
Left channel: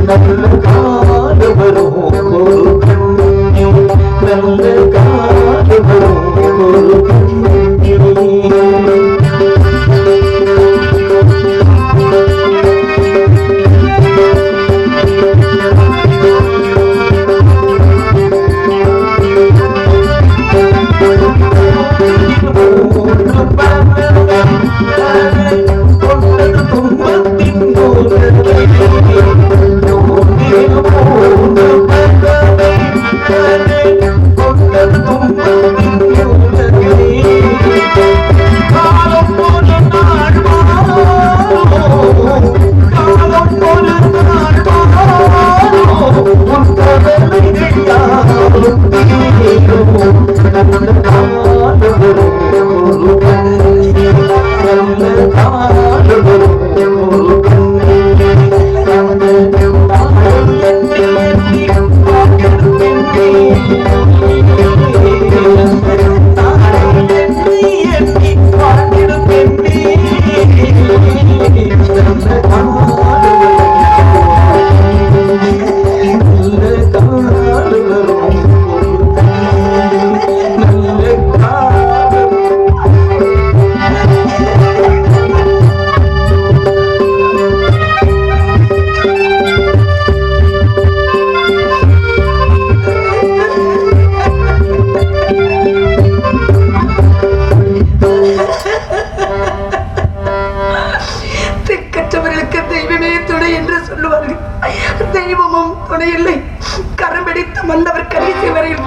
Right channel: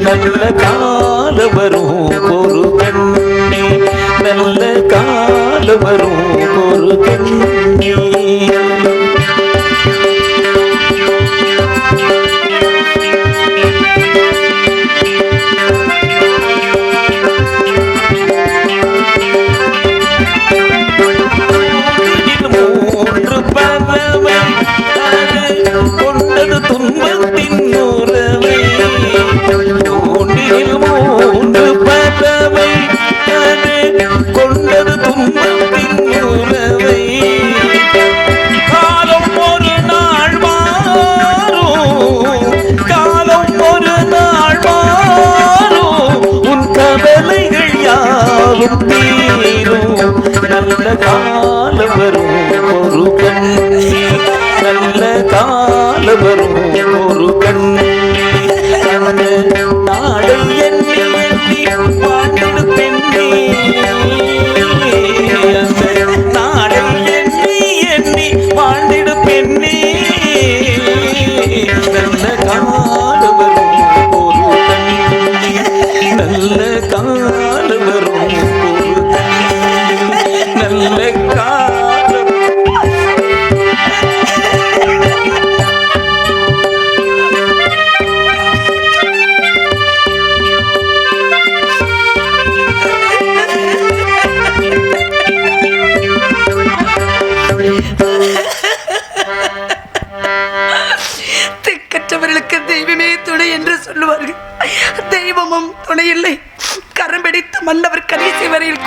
நல்ல கால வரும் ஒரு கண்ணே நல்ல கால வரும் ஒரு கண்ணே தெய்வமும் துணை இல்லை கரம்பிடித்த மன்னவர் கடைசி வரையில்